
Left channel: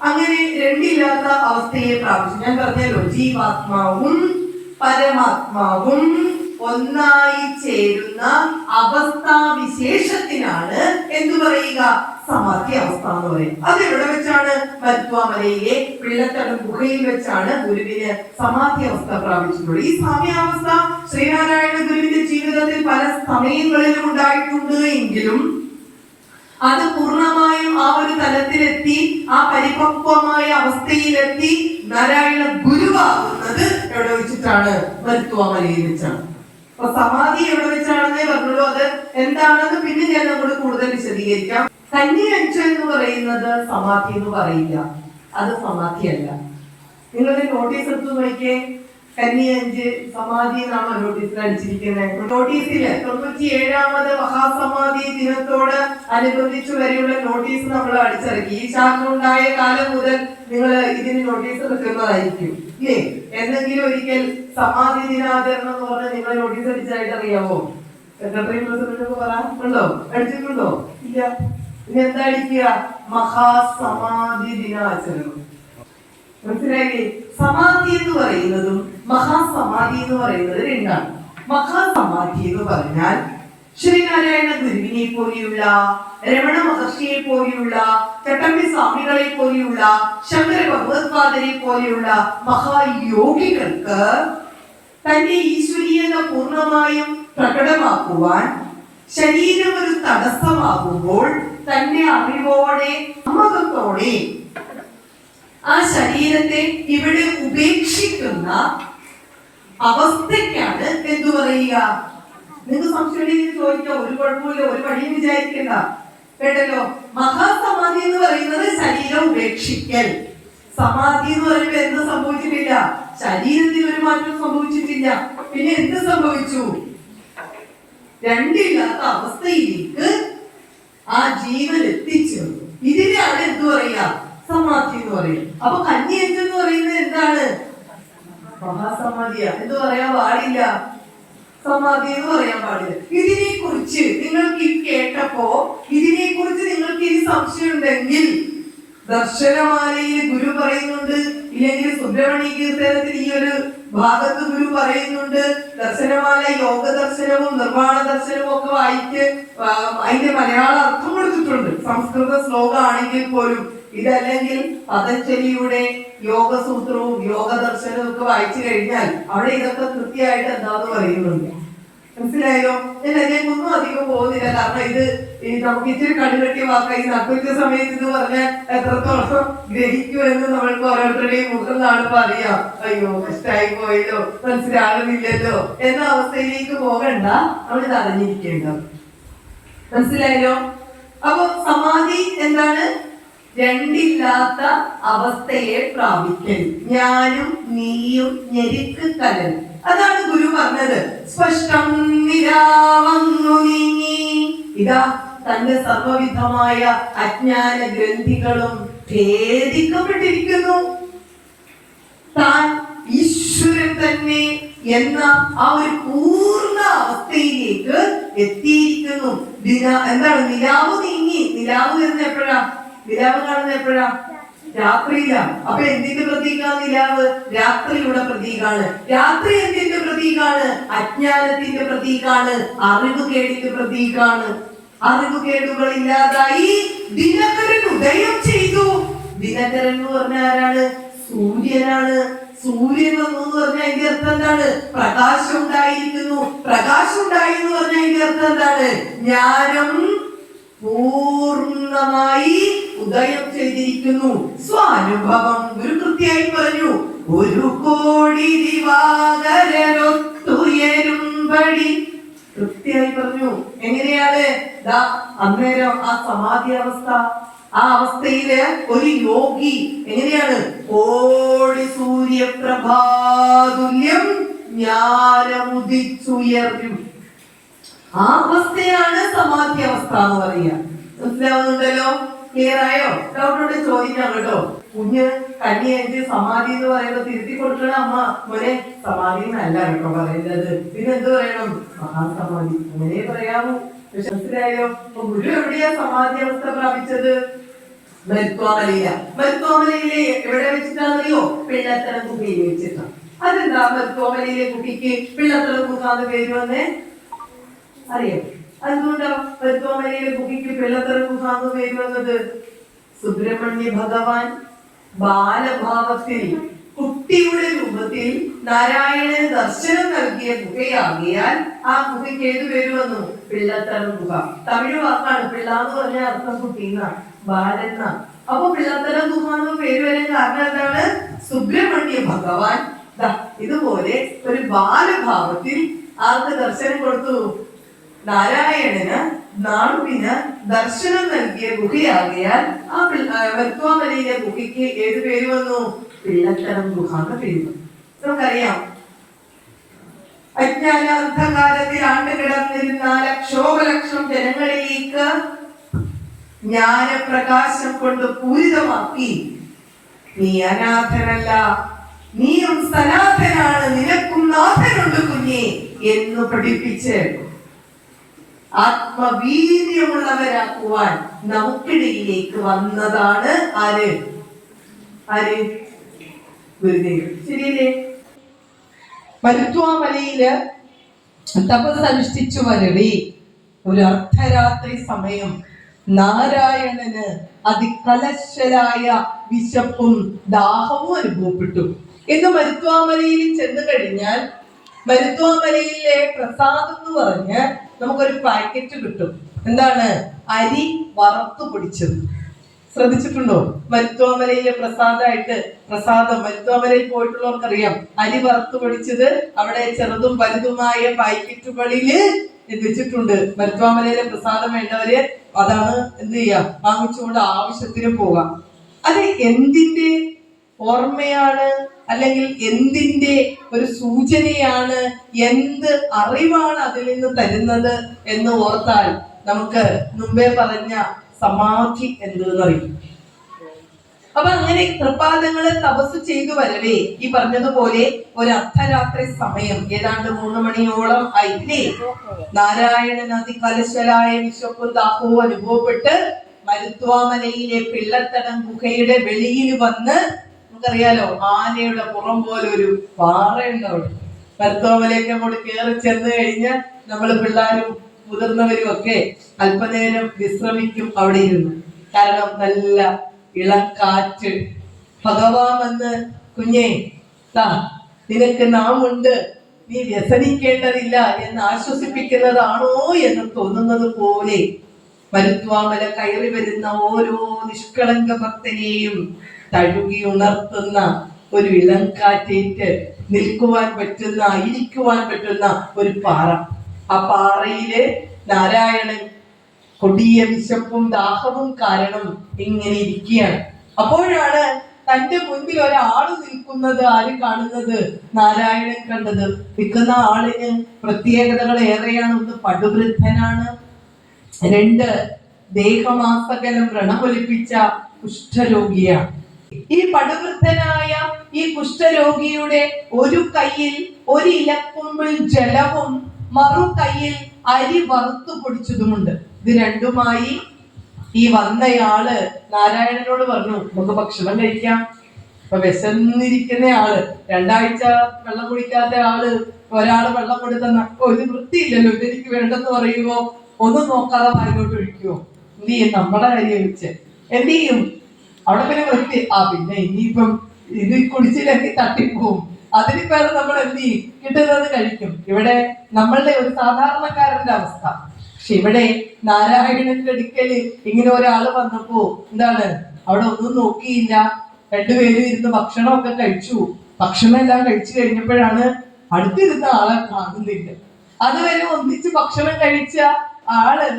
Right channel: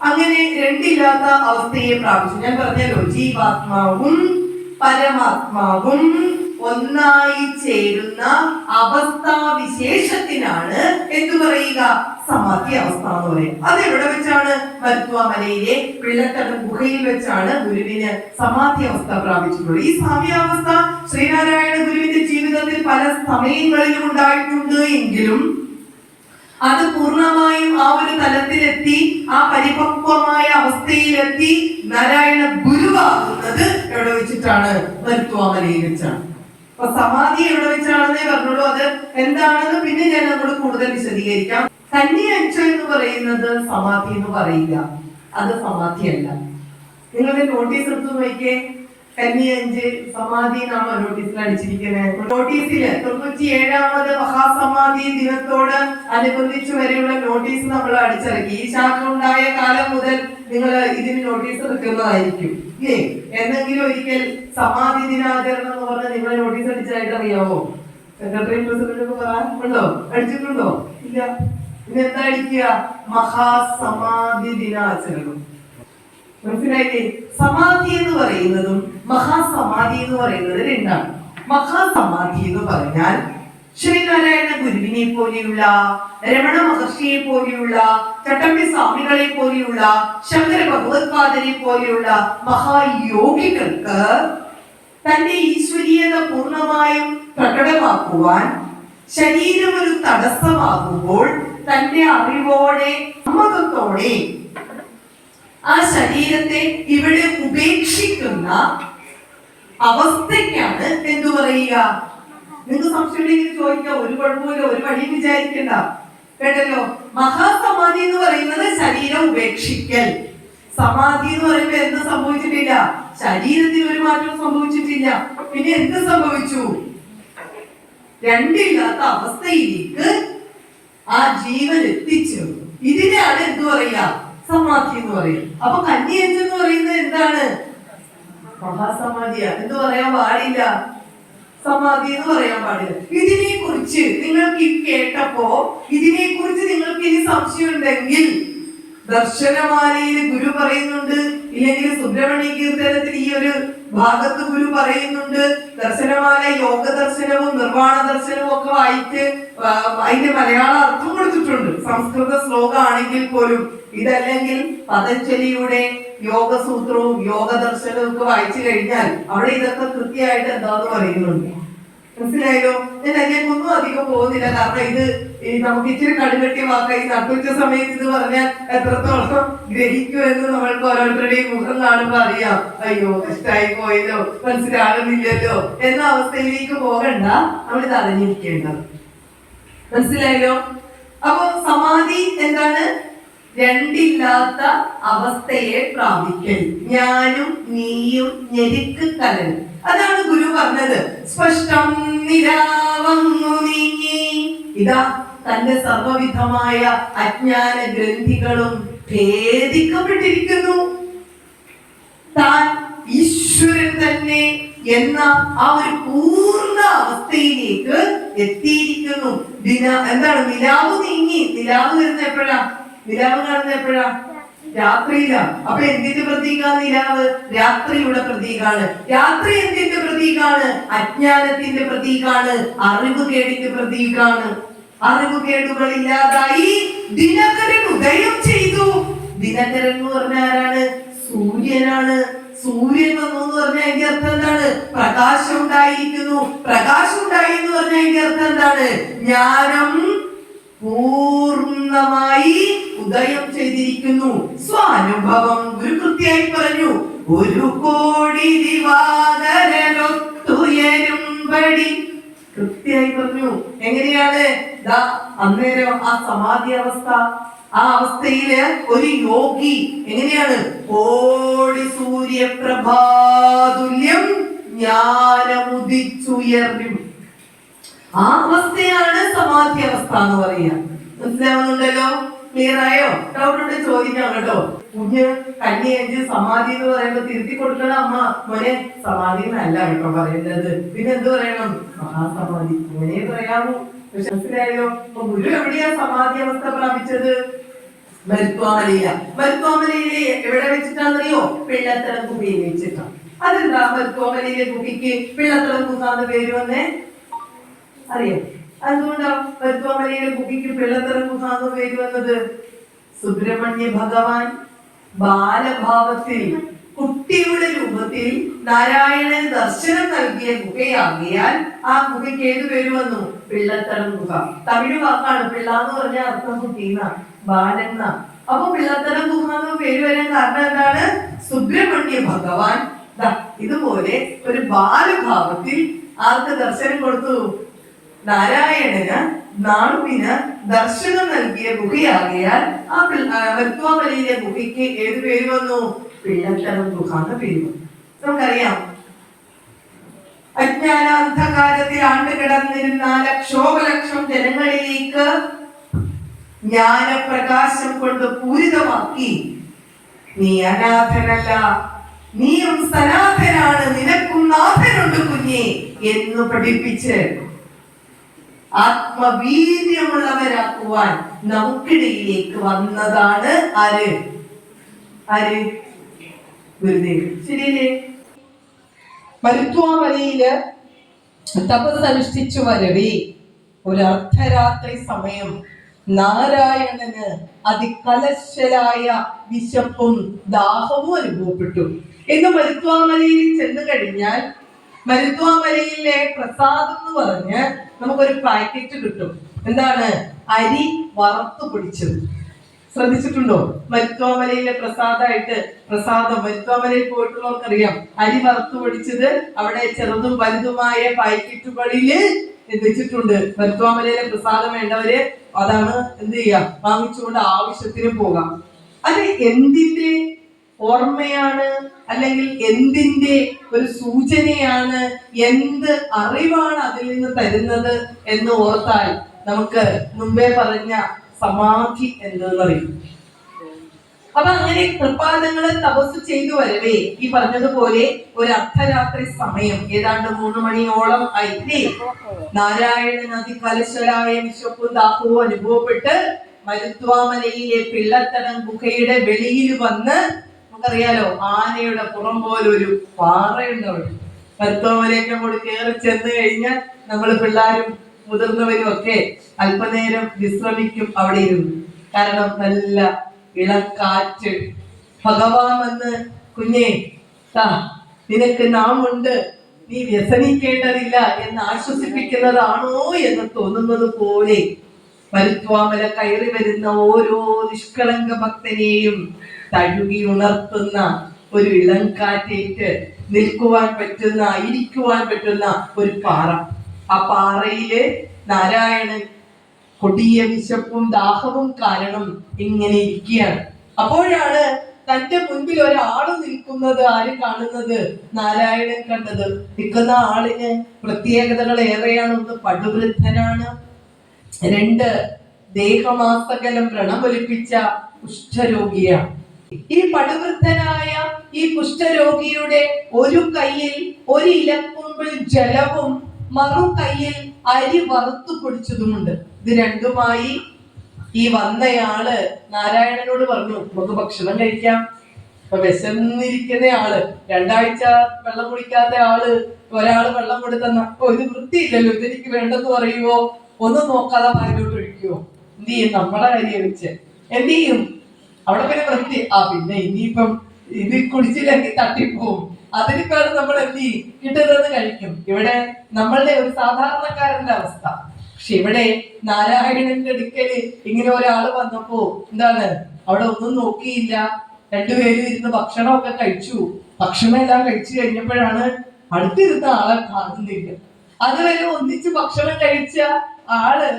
അങ്ങനെ രണ്ടില്ലാത്ത അവസ്ഥയെ പ്രാപിച്ചു. ഞാൻ പറഞ്ഞല്ലോ, ജീവാത്മാവും പരമാത്മാവും ഒന്നായി ചേരുന്ന അവസ്ഥാവിശേഷത്തിനാണ് എന്തു പറയുക? സമാധി അവസ്ഥ എന്ന് പറയും. അത് എവിടെ വെച്ചാണ്? മരുത്വാമലയിലെ പിള്ളത്തടം ഗുഹയിൽ വെച്ചാണ് ഗുരുവിന് സമാധി അവസ്ഥ പ്രാപിച്ചിട്ടുള്ളത്. ഈ സാമ്യാവസ്ഥ ശ്രീനാരായണ ഗുരുവിന്റെ ജീവിതത്തിൽ പല സമയങ്ങളിലും ഉണ്ടായിട്ടുണ്ട് എങ്കിലും അത് പൂർണ്ണമായും ആ ഒരു തലത്തിലെത്തി, ആ പരിപക്വമായ അവസ്ഥയിലെത്തി നാരായണ ഗുരുവാകുന്നത് എവിടെ വെച്ചിട്ടാണ്? മരുത്വാമലയിൽ വെച്ചാണ്. അപ്പൊ സമാധി എവിടെ വെച്ചാണെന്നേ പറഞ്ഞുള്ളൂ. അത് എന്താണെന്ന് പിന്നെ ഞാൻ നമ്മളോട് കൂടുതൽ വിശദീകരിക്കാം. കന്നി അഞ്ച് എന്ന് പറയുന്നത് സമാധി എന്ന് പറയില്ല, അത് സമാധിയല്ല. നിങ്ങളുടെ നോട്ടീസ് എടുത്ത് നോക്കിയേ, കന്നി അഞ്ച് സമാധി എന്നാണ് നോട്ടീസിൽ അടിച്ചിരിക്കുന്നത്. നോട്ടീസില് 97ാമത് മഹാസമാധി ദിനത്തോട് അനുബന്ധിച്ച് വരെയുള്ള നോട്ടീസ് നമ്മൾ അടിച്ചിറക്കി. ഈ ശാഖ ഉണ്ടായ കാലം മുതൽ നിങ്ങൾ ഇതിന് നോട്ടീസ് എടുക്കുന്നതായിരിക്കും ഇല്ലേ? എന്തെങ്കിലും ഒരിക്കൽ സമാധി ദിനാചരണം എന്ന് പറഞ്ഞാൽ നിങ്ങൾ നോട്ടീസ് അടിച്ചായിട്ട് അറിയാവോ? സെക്രട്ടറി പ്രസിഡന്റ് പറയാറുണ്ടോ? അടിച്ചിട്ടുണ്ടോ? ഇല്ല. ഇതെന്താ അടിക്കുക? മഹാസമാധി ദിനാചരണം. മനസ്സിലായില്ലേ? സമാധി എന്ന് പറയുന്നതും മഹാസമാധി എന്ന് പറയുന്നത് രണ്ടാണ്. മഹാസമാധി എന്ന് പറഞ്ഞാൽ ശ്രീനാരായണ ഗുരുവിനെ പോലെയുള്ള, രമണ മഹർഷിയെ പോലെയുള്ള, ചട്ടമ്പി സ്വാമികളെ പോലെയുള്ള, ശങ്കര ഭഗവത്പാദരെ പോലെയുള്ള മഹായോഗികൾക്ക് തന്റെ ഈശ്വരീയത പൂർണ്ണമായും പ്രകടമാക്കുവാൻ ശരീരം ഒരു തടസ്സമാകുമ്പോൾ തന്റെ അറിവോടെ, സമ്മതത്തോടെ ആ ശരീരത്തെ ഇവിടെ ഉപേക്ഷിക്കുന്ന അവസ്ഥയ്ക്കാണ് എന്തു പറയുക? നിങ്ങൾക്ക് സംശയം ചോദിക്കാം, ഒരു കുഴപ്പമില്ല, ഒരു വഴിയും വിചാരിക്കണ്ട കേട്ടല്ലോ. മഹാസമാധി എന്ന് പറയുന്നത് ശരീരം ഉപേക്ഷിക്കൽ. സമാധി എന്ന് പറയുമ്പോൾ എന്ത് സംഭവിച്ചിട്ടില്ല? ശരീരത്തിൽ ഒരു മാറ്റം സംഭവിച്ചിട്ടില്ല. പിന്നെ എന്ത് സംഭവിച്ചു? രണ്ടില്ലാത്ത അവസ്ഥയിലേക്ക് ആ ജീവൻ എത്തിച്ചേർന്നു. ഇതിനെയാണ് എന്ത് പറയുക? സമാധി എന്ന് പറയും. അപ്പൊ കന്നി അഞ്ച് എന്ന് പറയുന്നത് എന്താണ്? മഹാസമാധിയാ. എന്ത് പറയാൻ പാടില്ല? സമാധി എന്ന് പറയാൻ പാടില്ല. ഇതിനെ കുറിച്ച് നിങ്ങൾക്ക് കേട്ടപ്പോ ഇതിനെ കുറിച്ച് നിങ്ങൾക്ക് ഇനി സംശയം ഉണ്ടെങ്കിൽ ദർശനമാലയിൽ ഗുരു പറയുന്നുണ്ട്, ഇല്ലെങ്കിൽ സുബ്രഹ്മണ്യ കീർത്തനത്തിൽ ഈ ഒരു ഭാഗത്ത് ഗുരു പറയുന്നുണ്ട്. ദർശനമാല യോഗ ദർശനവും നിർവാണ ദർശനവും ഒക്കെ വായിച്ച് അതിന്റെ മലയാള അർത്ഥം കൊടുത്തിട്ടുണ്ട്, സംസ്കൃത ശ്ലോകം ആണെങ്കിൽ പോലും. ഇതല്ലെങ്കിൽ പതഞ്ജലിയുടെ യോഗസൂത്രവും യോഗ ദർശനവും ഒക്കെ വായിച്ചു കഴിഞ്ഞാൽ അവിടെ ഇതൊക്കെ കൃത്യമായിട്ട് എന്താന്ന് പറയുന്നുണ്ട്. മനസ്സിലായല്ലോ? ഞാൻ അതിലേക്കൊന്നും അധികം പോകുന്നില്ല, കാരണം ഇത് നമുക്ക് ഇച്ചിരി കടുകെട്ടിയ വാക്കായി. നട്ടുച്ച സമയത്ത് ഇത് പറഞ്ഞാൽ എത്രത്തോളം ഗ്രഹിക്കുമെന്ന് നമ്മൾക്ക് ഓരോരുത്തരുടെയും മുഖം കാണുമ്പോ അറിയാം. അയ്യോ കഷ്ടായി പോയല്ലോ, മനസ്സിലാകുന്നില്ലല്ലോ എന്ന അവസ്ഥയിലേക്ക് പോകണ്ട, നമ്മളിത് അറിഞ്ഞിരിക്കേണ്ട. മനസ്സിലായല്ലോ? അപ്പൊ സമാധി എന്താണ്? രണ്ടില്ലാത്ത അവസ്ഥയെ പ്രാപിക്കൽ. ഞാനും നീയും ഞെരുക്ക് കലൻ. അതാണ് ഗുരു പറഞ്ഞത്. സ്പഷ്ടം നിരാവന്നു നീങ്ങി. ഇതാ തന്റെ സർവവിധമായ അജ്ഞാന ഗ്രന്ഥികളും ഭേദിക്കപ്പെട്ടിരിക്കുന്നു. താൻ ഈശ്വരൻ തന്നെ എന്ന ആ ഒരു പൂർണ്ണ അവസ്ഥയിലേക്ക് എത്തിയിരിക്കുന്നു. എന്താണ്? നിലാവ് നീങ്ങി. നിലാവ് വരുന്ന എപ്പോഴാ? നിലാവ് കാണുന്ന എപ്പോഴാ? രാത്രിയിലാണ്. അപ്പൊ എന്തിന്റെ പ്രതീകാണ് നിലാവ്? രാത്രിയുടെ പ്രതീകാണ്. രാത്രി എന്തിന്റെ പ്രതീകാണ്? അജ്ഞാനത്തിന്റെ പ്രതീകാണ്, അറിവുകേടിന്റെ പ്രതീകാണ്. അറിവുകേടുകൾ ഇല്ലാതായി ദിനകരൻ ഉദയം ചെയ്തു. ദിനകരൻ എന്ന് പറഞ്ഞാൽ ആരാണ്? സൂര്യനാണ്. സൂര്യൻ വന്നു എന്ന് പറഞ്ഞാൽ അതിന്റെ അർത്ഥം എന്താണ്? പ്രകാശം ഉണ്ടായിരിക്കുന്നു. പ്രകാശം ഉണ്ടായി എന്ന് പറഞ്ഞാൽ അതിന്റെ അർത്ഥം എന്താണ്? ജ്ഞാനം പൂർണ്ണമായി ഉദയം ചെയ്തിരിക്കുന്നു. സ്വാനുഭവം ഗുരു കൃത്യമായി പറഞ്ഞു. ഒരു കോടി ദിവാകരനൊത്തുയരുംപടി കൃത്യമായി പറഞ്ഞു. എങ്ങനെയാണ്? അന്നേരം ആ സമാധി അവസ്ഥ, ആ അവസ്ഥയില് ഒരു യോഗി എങ്ങനെയാണ്? കോടി സൂര്യപ്രഭാതുല്യം ജ്ഞാനമുദിച്ചുയർന്നും. ആ അവസ്ഥയാണ് സമാധി അവസ്ഥ എന്ന് പറയുക. മനസ്സിലാവുന്നുണ്ടല്ലോ? ക്ലിയർ ആയോ? ഡൗട്ട് ഉണ്ടെ ചോദിക്കാം കേട്ടോ. കുഞ്ഞ് കന്നി അഞ്ച് സമാധി എന്ന് പറയുമ്പോ തിരുത്തി കൊടുക്കണം. അമ്മ മോനെ സമാധി എന്നല്ല കേട്ടോ പറയുന്നത്, പിന്നെ എന്ത് പറയണം? മഹാസമാധി അങ്ങനെ പറയാമോ? പക്ഷെ മനസ്സിലായോ? അപ്പൊ ഗുരു എവിടെയാ സമാധി അവസ്ഥ പ്രാപിച്ചത്? മരുത്വാമലയില. മരുത്വാമലയിലെ എവിടെ വെച്ചിട്ടാണെന്നറിയോ? പിള്ളത്തറ ഗുഹയിൽ വെച്ചിട്ടാണ്. അതെന്താ മരുത്വാമലയിലെ ഗുഹയ്ക്ക് പിള്ളത്തറ ഗുഹ എന്ന് പേര് വന്നേ? അറിയാം. അതുകൊണ്ടാ മരുത്വാമലയിലെ ഗുഹയ്ക്ക് പിള്ളത്തറ ഗുഹ എന്ന് പേര് വന്നത്? സുബ്രഹ്മണ്യ ഭഗവാൻ ബാലഭാവത്തിൽ കുട്ടിയുടെ രൂപത്തിൽ നാരായണന് ദർശനം നൽകിയ ഗുഹയാകിയാൽ ആ ഗുഹയ്ക്ക് ഏത് പേര് വന്നു? പിള്ളത്തരം ഗുഹ. തമിഴ് വാക്കാണ്. പിള്ള എന്ന് പറഞ്ഞ അർത്ഥം കുട്ടീന്നാണ്, ബാലന്ന. അപ്പൊ പിള്ളത്തരം ഗുഹ എന്ന് പേര് വരാൻ കാരണം എന്താണ്? സുബ്രഹ്മണ്യ ഭഗവാൻ ഇതുപോലെ ഒരു ബാലഭാവത്തിൽ ആർക്ക് ദർശനം കൊടുത്തു? നാരായണന് നാണുവിന് ദർശനം നൽകിയ ഗുഹയാകിയാൽ ആ മരുത്വാമലയിലെ ഗുഹയ്ക്ക് ഏത് പേര് വന്നു? പിള്ളത്തരം ഗുഹ എന്ന പേര് വന്നു. നമുക്കറിയാം, അജ്ഞാനാന്ധകാരത്തിൽ ആണ്ടുകിടന്നിരുന്ന ലക്ഷോപലക്ഷം ജനങ്ങളിലേക്ക് ജ്ഞാനപ്രകാശം കൊണ്ട് പൂരിതമാക്കി, നീ അനാഥനല്ല, നീയും സനാഥനാണ്, നിനക്കും നാഥനുണ്ട് കുഞ്ഞേ എന്ന് പഠിപ്പിച്ച് ആത്മവീര്യമുള്ളവരാക്കുവാൻ നമുക്കിടയിലേക്ക് വന്നതാണ് ആര്? ഗുരുദേവൻ. ശരിയല്ലേ? മരുത്വാമലയില് തപസ് അനുഷ്ഠിച്ചു വരവേ ഒരു അർദ്ധരാത്രി സമയം നാരായണന് അതികലശലായ വിശപ്പും ദാഹവും അനുഭവപ്പെട്ടു. എന്ന് മരുത്വാമലയിൽ ചെന്ന് കഴിഞ്ഞാൽ മരുത്വാമലയിലെ പ്രസാദം എന്ന് പറഞ്ഞ് നമുക്കൊരു പാക്കറ്റ് കിട്ടും. എന്താണ്? അരി വറുത്തു പൊടിച്ചത്. ശ്രദ്ധിച്ചിട്ടുണ്ടോ? മരുത്വാമലയിലെ പ്രസാദം മരുത്വാമലയിൽ പോയിട്ടുള്ളവർക്കറിയാം. അരി വറുത്തു പൊടിച്ചത് അവിടെ ചെറുതും വലുതുമായ പാക്കറ്റുകളില് വെച്ചിട്ടുണ്ട്. മരുത്വാമലയിലെ പ്രസാദം വേണ്ടവര് അതാണ് എന്ത് ചെയ്യാം, വാങ്ങിച്ചുകൊണ്ട് ആവശ്യത്തിന് പോകാം. അത് എന്തിന്റെ ഓർമ്മയാണ്? അല്ലെങ്കിൽ എന്തിന്റെ ഒരു സൂചനയാണ്? എന്ത് അറിവാണ് അതിൽ നിന്ന് തരുന്നത് എന്ന് ഓർത്താൽ നമുക്ക് മുമ്പേ പറഞ്ഞ സമാധി എന്തെന്നറിയും. അപ്പൊ അങ്ങനെ കൃപാദങ്ങള് തപസ് ചെയ്തു വരവേ ഈ പറഞ്ഞതുപോലെ ഒരു അർദ്ധരാത്രി സമയം, ഏതാണ്ട് 3 മണിയോളം ആയില്ലേ, നാരായണൻ അതികലശലായ വിശപ്പും ദാഹവും അനുഭവപ്പെട്ട് മരുത്വാമലയിലെ പിള്ളത്തടം ഗുഹയുടെ വെളിയിൽ വന്ന്, നമുക്കറിയാലോ ആനയുടെ പുറം പോലെ ഒരു പാറയുണ്ട് അവിടെ. മരുത്വാമലയൊക്കെ അങ്ങോട്ട് കയറി ചെന്ന് കഴിഞ്ഞ് നമ്മള് പിള്ളേരും മുതിർന്നവരും ഒക്കെ അല്പനേരം വിശ്രമിക്കും അവിടെ ഇരുന്ന്. കാരണം നല്ല ഇളക്കാറ്റ്. ഭഗവാൻ വന്ന് കുഞ്ഞേ നിനക്ക് നാം ഉണ്ട്, നീ വ്യസനിക്കേണ്ടതില്ല എന്ന് ആശ്വസിപ്പിക്കുന്നതാണോ എന്ന് തോന്നുന്നത് പോലെ മരുത്വാമല കയറി വരുന്ന ഓരോ നിഷ്കളങ്ക ഭക്തനെയും തഴുകി ഉണർത്തുന്ന ഒരു ഇളങ്കാറ്റേറ്റ് നിൽക്കുവാൻ പറ്റുന്ന, ഇരിക്കുവാൻ പറ്റുന്ന ഒരു പാറ. ആ പാറയില് നാരായണൻ കൊടിയ വിശപ്പും ദാഹവും കാരണം ഇങ്ങനെ ഇരിക്കുകയാണ്. അപ്പോഴാണ് തന്റെ മുൻപിൽ ഒരാള് നിൽക്കുന്നത്. ആര് കാണുന്നത്? നാരായണൻ കണ്ടത്. നിൽക്കുന്ന ആളിന് പ്രത്യേകതകൾ ഏറെയാണ്. ഒന്ന്, പടുവൃദ്ധനാണ്. 2, ദേഹമാസകലം വ്രണമൊലിപ്പിച്ച കുഷ്ഠരോഗിയാണ്. ഈ പടുവൃദ്ധനായ ഈ കുഷ്ഠരോഗിയുടെ ഒരു കയ്യിൽ ഒരു ഇലക്കുമ്പിൾ ജലവും മറു കയ്യിൽ അരി വറുത്തു പൊടിച്ചതുമുണ്ട്. ഇത് രണ്ടുമായി ഈ വന്നയാള് നാരായണനോട് പറഞ്ഞു, നമുക്ക് ഭക്ഷണം കഴിക്കാം. ഇപ്പൊ വിശന്നിരിക്കുന്ന ആള്, 2 ആഴ്ച വെള്ളം കുടിക്കാത്ത ആള് ഒരാള് വെള്ളം കൊടുത്തന്ന, ഇത് വൃത്തിയില്ലല്ലോ, ഇതെനിക്ക് വേണ്ടെന്ന് പറയുവോ? ഒന്നും നോക്കാതെ വായിലോട്ട് ഒഴിക്കുവോ? എന്ത് ചെയ്യും? നമ്മുടെ കാര്യം വെച്ച് എന്ത് ചെയ്യും? അവിടെ പിന്നെ വൃത്തി. പിന്നെ ഇനിയിപ്പം ഇത് കുടിച്ചില്ലെങ്കിൽ തട്ടിപ്പോവും. അതിന് പേര് നമ്മൾ എന്ത് ചെയ്യും? കിട്ടുന്നത് കഴിക്കും. ഇവിടെ നമ്മളുടെ ഒരു സാധാരണക്കാരന്റെ അവസ്ഥ. പക്ഷെ ഇവിടെ നാരായണന്റെ അടുക്കല് ഇങ്ങനെ ഒരാള് വന്നപ്പോ എന്താണ്, അവിടെ ഒന്നും നോക്കിയില്ല. 2 പേരും ഇരുന്ന് ഭക്ഷണമൊക്കെ കഴിച്ചു. ഭക്ഷണം എല്ലാം കഴിച്ചു കഴിഞ്ഞപ്പോഴാണ് അടുത്തിരുന്ന ആളെ കാണുന്നില്ല. അതുവരെ ഒന്നിച്ച് ഭക്ഷണം കഴിച്ച ആള്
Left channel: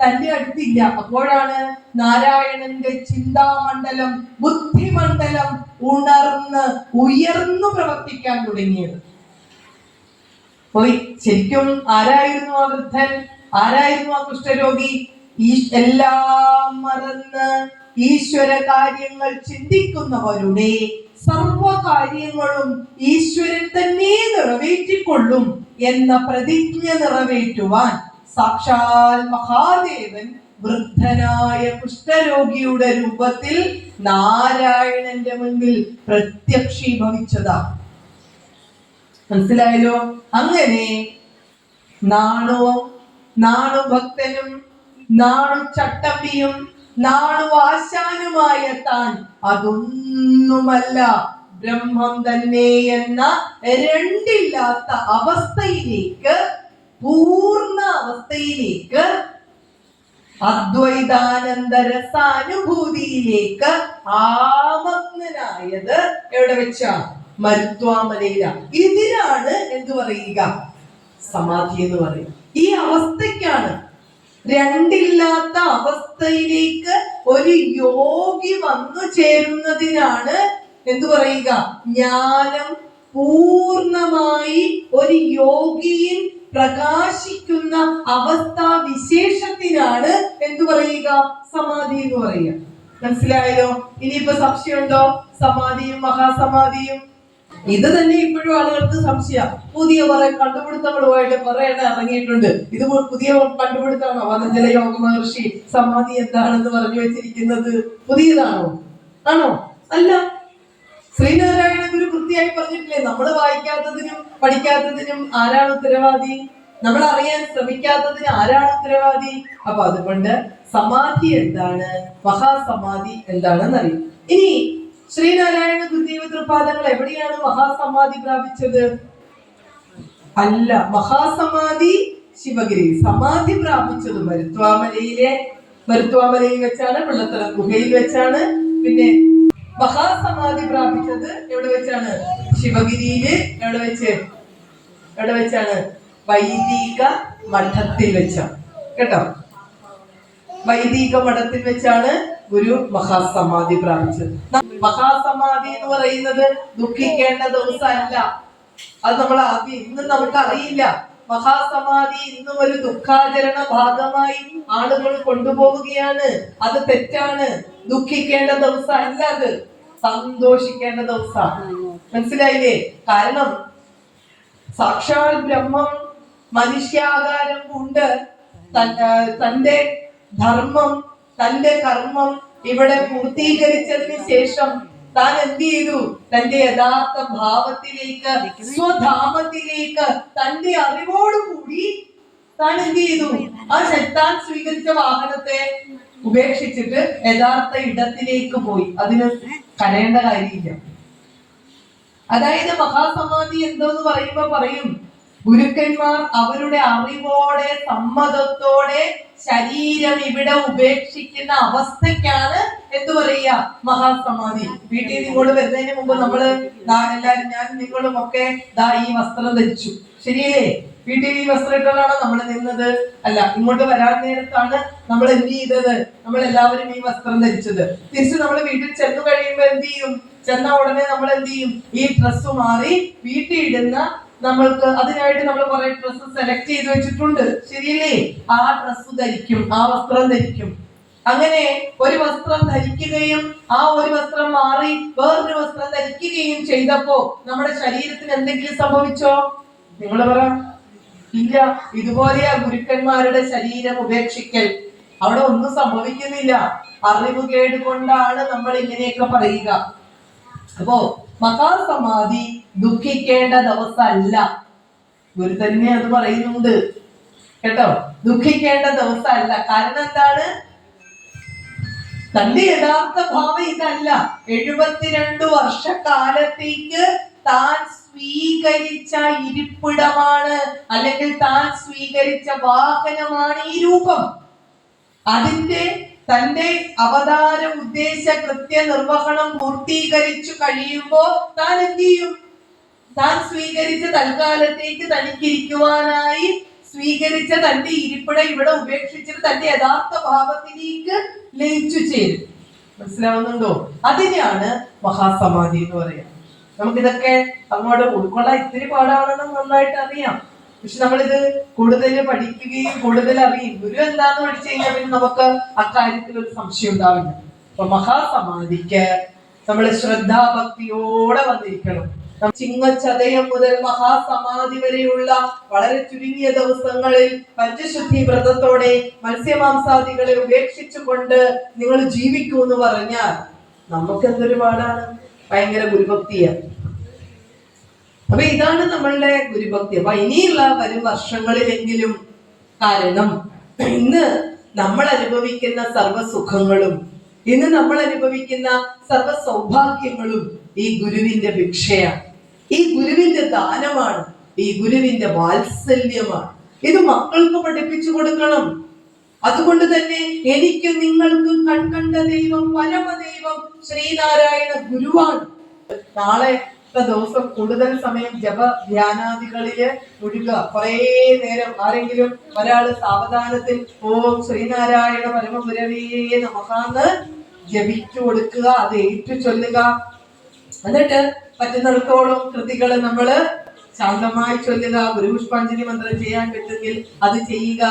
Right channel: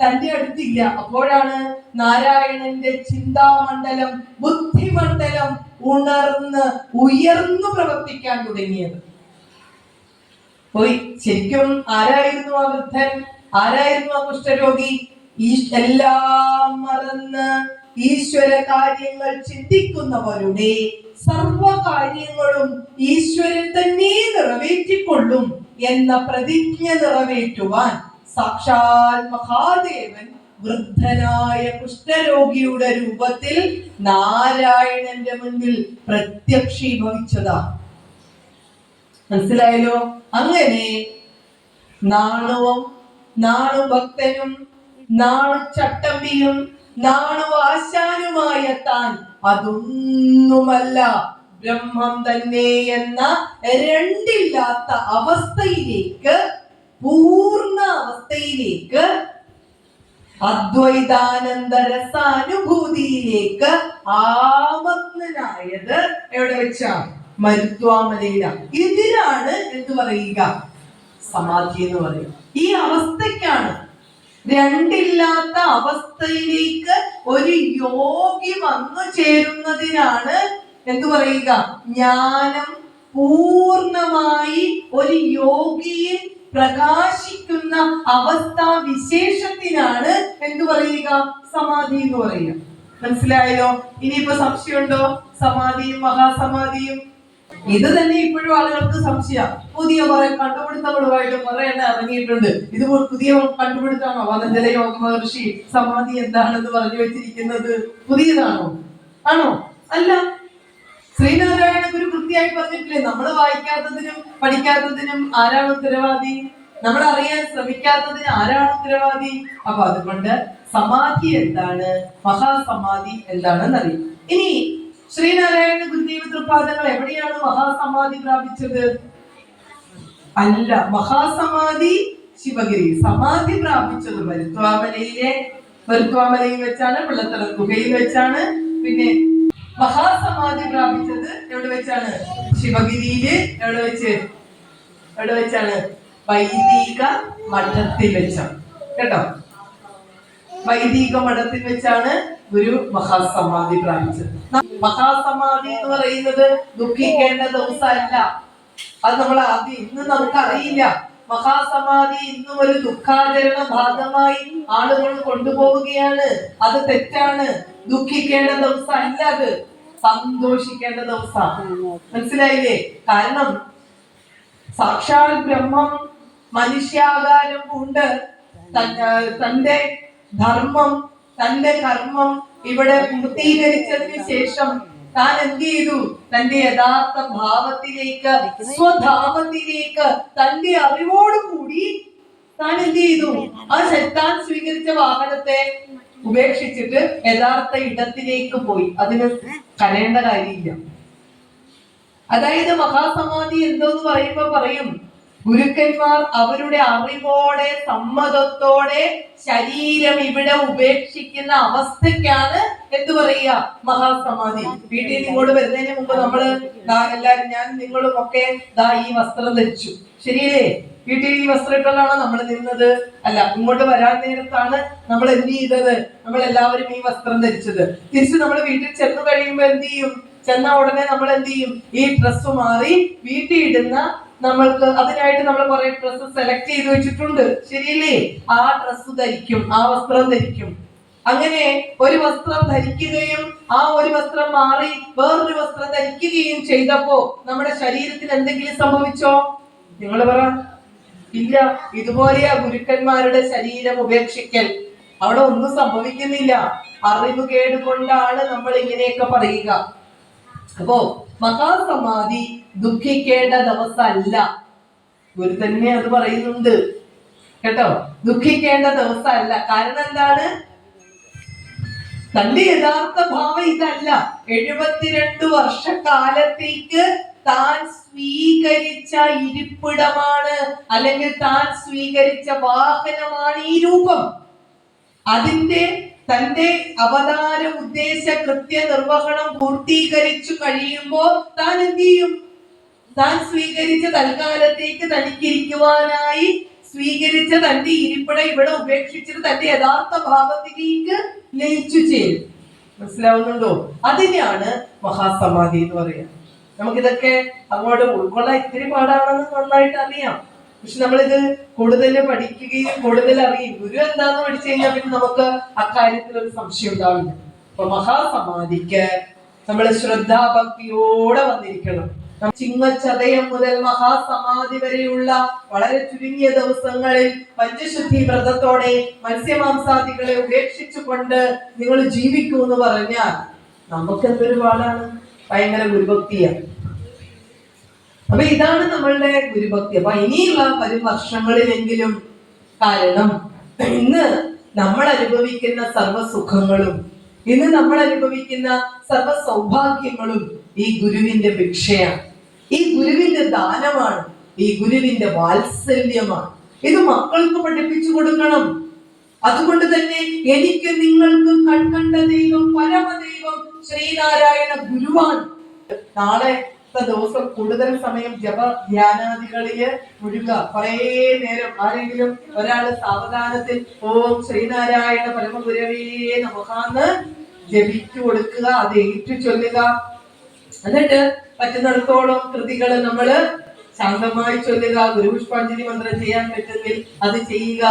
തന്റെ അടുത്തില്ല. അപ്പോഴാണ് നാരായണന്റെ ചിന്താമണ്ഡലം, ബുദ്ധിമണ്ഡലം ഉയർന്നു പ്രവർത്തിക്കാൻ തുടങ്ങിയത്. പോയി ശരിക്കും ആരായിരുന്നു ആ വൃദ്ധൻ? ആരായിരുന്നു ആ കുഷ്ഠരോഗി? എല്ലാം മറന്ന് ഈശ്വര കാര്യങ്ങൾ ചിന്തിക്കുന്നവരുടെ സർവകാര്യങ്ങളും ഈശ്വരൻ തന്നെ നിറവേറ്റിക്കൊള്ളും എന്ന പ്രതിജ്ഞ നിറവേറ്റുവാൻ സാക്ഷാൽ മഹാദേവൻ വൃദ്ധനായ കുഷ്ഠരോഗിയുടെ രൂപത്തിൽ നാരായണന്റെ മുൻപിൽ പ്രത്യക്ഷീഭവിച്ചതാ. മനസ്സിലായല്ലോ? അങ്ങനെ നാണു ഭക്തനും നാണു ചട്ടമ്പിയും നാണു ആശാനുമായ താൻ അതൊന്നുമല്ല ബ്രഹ്മം തന്നെ എന്ന രണ്ടില്ലാത്ത അവസ്ഥയിലേക്ക്, പൂർണ്ണ അവസ്ഥയിലേക്ക്, അദ്വൈതാനന്ദരസാനുഭൂതിയിലേക്ക് ആമഗ്നനായത് എവിടെ വെച്ചാ? മരുത്വാമലയില. ഇതിനാണ് എന്ത് പറയുക? സമാധി എന്ന് പറയും. ഈ അവസ്ഥയ്ക്കാണ്, രണ്ടില്ലാത്ത അവസ്ഥയിലേക്ക് ഒരു യോഗി വന്നു ചേരുന്നതിനാണ് എന്തു പറയുക? ജ്ഞാനം പൂർണ്ണമായി ഒരു യോഗിയിൽ പ്രകാശിക്കുന്ന അവസ്ഥാ വിശേഷത്തിനാണ് എന്തു പറയുക? സമാധി എന്ന് പറയുക. മനസ്സിലായല്ലോ? ഇനിയിപ്പോ സംശയമുണ്ടോ? സമാധിയും മഹാസമാധിയും ഇത് തന്നെ ഇപ്പോഴും ആളുകൾക്ക് സംശയം. പുതിയ കുറെ കണ്ടുപിടുത്തങ്ങളുമായിട്ട് കുറെ എണ്ണം ഇറങ്ങിയിട്ടുണ്ട്. ഇത് പുതിയ കണ്ടുപിടുത്തമാണോ? പതഞ്ജല യോഗ മഹർഷി സമാധി എന്താണെന്ന് പറഞ്ഞു വെച്ചിരിക്കുന്നത് പുതിയതാണോ? ആണോ? അല്ല. ശ്രീനാരായണ ഗുരു കൃത്യമായി പറഞ്ഞിട്ടില്ലേ, നമ്മൾ വായിക്കാത്തതിനും പഠിക്കാത്തതിനും ആരാണ് ഉത്തരവാദി? നമ്മൾ അറിയാൻ ശ്രമിക്കാത്തതിന് ആരാണ് ഉത്തരവാദി? അപ്പൊ അതുകൊണ്ട് സമാധി എന്താണ്, മഹാസമാധി എന്താണെന്ന് അറിയും. ഇനി ശ്രീനാരായണ ഗുരുദേവ തൃപാദങ്ങൾ എവിടെയാണ് മഹാസമാധി പ്രാപിച്ചത്? അല്ല, മഹാസമാധി ശിവഗിരി. സമാധി പ്രാപിച്ചത് മരുത്വാമലയിൽ വെച്ചാണ്, പിള്ളത്തറ ഗുഹയിൽ വെച്ചാണ്. പിന്നെ മഹാസമാധി പ്രാപിച്ചത് എവിടെ വെച്ചാണ്? ശിവഗിരിയില്. എവിടെ വെച്ചാണ്? വൈദിക മഠത്തിൽ വെച്ചാണ്. കേട്ടോ, വൈദിക മഠത്തിൽ വെച്ചാണ് ഗുരു മഹാസമാധി പ്രാപിച്ചത്. മഹാസമാധി എന്ന് പറയുന്നത് ദുഃഖിക്കേണ്ട ദിവസമല്ല. അത് നമ്മൾ ആദ്യം ഇന്ന് നമുക്കറിയില്ല. മഹാസമാധി ഇന്നും ഒരു ദുഃഖാചരണ ഭാഗമായി ആളുകൾ കൊണ്ടുപോവുകയാണ്. അത് തെറ്റാണ്. ദുഃഖിക്കേണ്ട ദിവസം അല്ല, അത് സന്തോഷിക്കേണ്ട ദിവസം. മനസ്സിലായില്ലേ? കാരണം സാക്ഷാൽ ബ്രഹ്മം മനുഷ്യാകാരം കൊണ്ട് തന്റെ ധർമ്മം, തന്റെ കർമ്മം ഇവിടെ പൂർത്തീകരിച്ചതിന് ശേഷം താൻ എന്ത് ചെയ്തു? തന്റെ യഥാർത്ഥ ഭാവത്തിലേക്ക്, സ്വധാമത്തിലേക്ക്, തന്റെ അറിവോടുകൂടി താൻ എന്ത് ചെയ്തു? താൻ സ്വീകരിച്ച വാഹനത്തെ ഉപേക്ഷിച്ചിട്ട് യഥാർത്ഥ ഇടത്തിലേക്ക് പോയി. അതിന് കരയേണ്ട കാര്യമില്ല. അതായത് മഹാസമാധി എന്തോന്ന് പറയുമ്പോ പറയും, ഗുരുക്കന്മാർ അവരുടെ അറിവോടെ സമ്മതത്തോടെ ശരീരം ഇവിടെ ഉപേക്ഷിക്കുന്ന അവസ്ഥയ്ക്കാണ് എന്ത് പറയുക? മഹാസമാധി. വീട്ടിൽ നിന്ന് ഇങ്ങോട്ട് വരുന്നതിന് മുമ്പ് നമ്മള് എല്ലാരും, ഞാൻ നിങ്ങളും ഒക്കെ ഈ വസ്ത്രം ധരിച്ചു, ശരിയല്ലേ? വീട്ടിൽ ഈ വസ്ത്രം ഇട്ടാണ് നമ്മൾ നിന്നത്. അല്ല, ഇങ്ങോട്ട് വരാൻ നേരത്താണ് നമ്മൾ എന്ത് ചെയ്തത്? നമ്മൾ എല്ലാവരും ഈ വസ്ത്രം ധരിച്ചത്. തിരിച്ച് നമ്മൾ വീട്ടിൽ ചെന്ന് കഴിയുമ്പോ എന്ത് ചെയ്യും? ചെന്ന ഉടനെ നമ്മൾ എന്ത് ചെയ്യും? ഈ ഡ്രസ്സ് മാറി വീട്ടിൽ ഇടുന്ന, നമ്മൾക്ക് അതിനായിട്ട് നമ്മൾ കുറെ ഡ്രസ്സ് സെലക്ട് ചെയ്ത് വെച്ചിട്ടുണ്ട്, ശരിയല്ലേ? ആ ഡ്രസ്സ് ധരിക്കും, ആ വസ്ത്രം ധരിക്കും. അങ്ങനെ ഒരു വസ്ത്രം ധരിക്കുകയും ആ ഒരു വസ്ത്രം മാറി വേറൊരു വസ്ത്രം ധരിക്കുകയും ചെയ്തപ്പോ നമ്മുടെ ശരീരത്തിന് എന്തെങ്കിലും സംഭവിച്ചോ? നിങ്ങൾ പറ. ഇല്ല. ഇതുപോലെയാ ഗുരുക്കന്മാരുടെ ശരീരം ഉപേക്ഷിക്കൽ. അവിടെ ഒന്നും സംഭവിക്കുന്നില്ല. അറിവ് കേടുകൊണ്ടാണ് നമ്മൾ ഇങ്ങനെയൊക്കെ പറയുക. അപ്പോ മഹാസമാധി ദുഃഖിക്കേണ്ട ദിവസമല്ല. ഗുരു തന്നെ അത് പറയുന്നുണ്ട് കേട്ടോ. ദുഃഖിക്കേണ്ട ദിവസമല്ല. കാരണം എന്താണ്? തന്റെ യഥാർത്ഥ ഭാവം ഇതല്ല. 72 വർഷക്കാലത്തേക്ക് താൻ സ്വീകരിച്ച ഇരിപ്പിടമാണ്, അല്ലെങ്കിൽ താൻ സ്വീകരിച്ച വാഹനമാണ് ഈ രൂപം. അതിന്റെ തന്റെ അവതാര ഉദ്ദേശ കൃത്യ നിർവഹണം പൂർത്തീകരിച്ചു കഴിയുമ്പോ താൻ എന്ത് ചെയ്യും? താൻ സ്വീകരിച്ച തൽക്കാലത്തേക്ക് തനിക്കിരിക്കുവാനായി സ്വീകരിച്ച തന്റെ ഇരിപ്പിടം ഇവിടെ ഉപേക്ഷിച്ചിട്ട് തന്റെ യഥാർത്ഥ ഭാവത്തിലേക്ക് ലയിച്ചു ചേരും. മനസ്സിലാവുന്നുണ്ടോ? അതിനെയാണ് മഹാസമാധി എന്ന് പറയുക. നമുക്കിതൊക്കെ അങ്ങോട്ട് ഉൾക്കൊള്ളാൻ ഇത്തിരി പാടാണെന്ന് നന്നായിട്ട് അറിയാം. പക്ഷെ നമ്മളിത് കൂടുതൽ പഠിക്കുകയും കൂടുതൽ അറിയും. ഗുരു എന്താന്ന് പഠിച്ചു കഴിഞ്ഞാൽ പിന്നെ നമുക്ക് അക്കാര്യത്തിൽ ഒരു സംശയം ഉണ്ടാവില്ല. അപ്പൊ മഹാസമാധിക്ക് നമ്മൾ ശ്രദ്ധാഭക്തിയോടെ വന്നിരിക്കണം. ചിങ്ങച്ചതയം മുതൽ മഹാസമാധി വരെയുള്ള വളരെ ചുരുങ്ങിയ ദിവസങ്ങളിൽ പഞ്ചശുദ്ധി വ്രതത്തോടെ മത്സ്യമാംസാദികളെ ഉപേക്ഷിച്ചുകൊണ്ട് നിങ്ങൾ ജീവിക്കൂ എന്ന് പറഞ്ഞാൽ നമുക്ക് എന്തൊരു പാടാണ്. ഭയങ്കര ഗുരുഭക്തിയാണ്. അപ്പൊ ഇതാണ് നമ്മളുടെ ഗുരുഭക്തി. അപ്പൊ ഇനിയുള്ള വരും വർഷങ്ങളിലെങ്കിലും, കാരണം ഇന്ന് നമ്മൾ അനുഭവിക്കുന്ന സർവ്വസുഖങ്ങളും, ഇന്ന് നമ്മൾ അനുഭവിക്കുന്ന സർവ്വ സൗഭാഗ്യങ്ങളും ഈ ഗുരുവിന്റെ ഭിക്ഷയാണ്, ഈ ഗുരുവിന്റെ ദാനമാണ്, ഈ ഗുരുവിന്റെ വാത്സല്യമാണ്. ഇത് മക്കൾക്ക് പഠിപ്പിച്ചു കൊടുക്കണം. അതുകൊണ്ട് തന്നെ എനിക്ക് നിങ്ങൾക്ക് കൺകണ്ട ദൈവം പരമദൈവം ശ്രീനാരായണ ഗുരുവാണ്. നാളത്തെ ദിവസം കൂടുതൽ സമയം ജപ ധ്യാനാദികളില് മുഴുക. കുറേ നേരം ആരെങ്കിലും ഒരാള് സാവധാനത്തിൽ ഓം ശ്രീനാരായണ പരമഗുരവേ നമഃന്ന് ജപിച്ചു കൊടുക്കുക, അത് ഏറ്റു ചൊല്ലുക. എന്നിട്ട് പറ്റുന്നിടത്തോളം കൃതികൾ നമ്മള് ശാന്തമായി ചൊല്ലുക. ഗുരുപുഷ്പാഞ്ജലി മന്ത്രം ചെയ്യാൻ പറ്റുമെങ്കിൽ അത് ചെയ്യുക.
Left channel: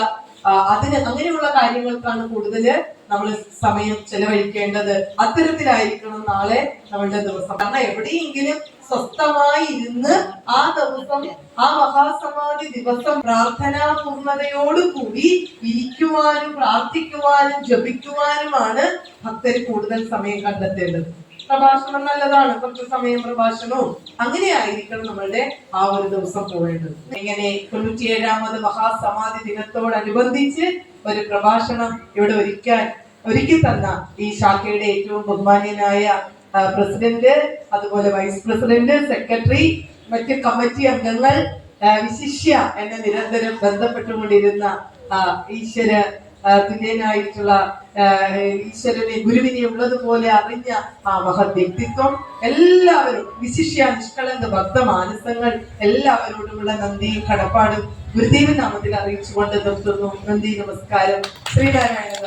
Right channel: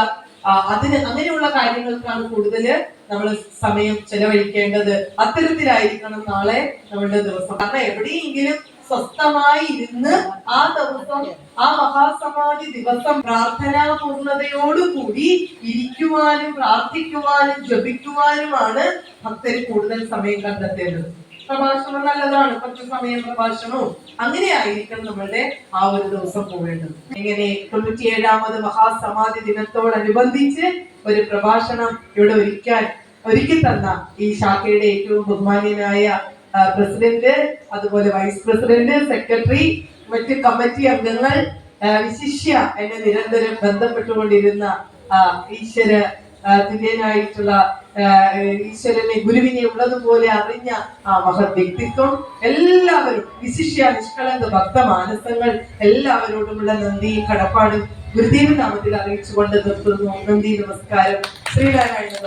അങ്ങനെയുള്ള കാര്യങ്ങൾക്കാണ് കൂടുതൽ നമ്മൾ സമയം ചെലവഴിക്കേണ്ടത്. അത്തരത്തിലായിരിക്കണം നാളെ നമ്മളുടെ ദിവസം. കാരണം എവിടെയെങ്കിലും സ്വസ്ഥമായി ഇരുന്ന് ആ ദിവസം, ആ മഹാസമാധി ദിവസം പ്രാർത്ഥനാ പൂർണ്ണതയോടുകൂടി ഇരിക്കുവാനും പ്രാർത്ഥിക്കുവാനും ജപിക്കുവാനുമാണ് ഭക്തർ കൂടുതൽ സമയം കണ്ടെത്തേണ്ടത്. പ്രഭാഷണം നല്ലതാണ്, കുറച്ച് സമയം പ്രഭാഷണവും അങ്ങനെ ആയിരിക്കണം നമ്മളുടെ ആ ഒരു ദിവസം പോവേണ്ടത്. ഇങ്ങനെ 97ാമത് മഹാസമാധി ദിനത്തോടനുബന്ധിച്ച് ഒരു പ്രഭാഷണം ഇവിടെ ഒരുക്കി തന്ന ഈ ശാഖയുടെ ഏറ്റവും ബഹുമാന്യനായ പ്രസിഡന്റ്, അതുപോലെ വൈസ് പ്രസിഡന്റ്, സെക്രട്ടറി, മറ്റ് കമ്മിറ്റി അംഗങ്ങൾ, വിശിഷ്യ എന്നെ നിരന്തരം ബന്ധപ്പെട്ടുകൊണ്ടിരുന്ന തുല്യനായിട്ടുള്ള ഈശ്വരനെ, ഗുരുവിനെ ഉള്ളതുപോലെ അറിഞ്ഞ ആ മഹത് വ്യക്തിത്വം, എല്ലാവരും വിശിഷ്യ നിഷ്കളങ്ക ഭക്തമാനസങ്ങൾ എല്ലാവരോടുമുള്ള നന്ദിയും കടപ്പാടും ഗുരുദേവ നാമത്തിൽ അറിയിച്ചുകൊണ്ട് നിർത്തുന്നു. നന്ദി, നമസ്കാരം. ശ്രീനാരായണ.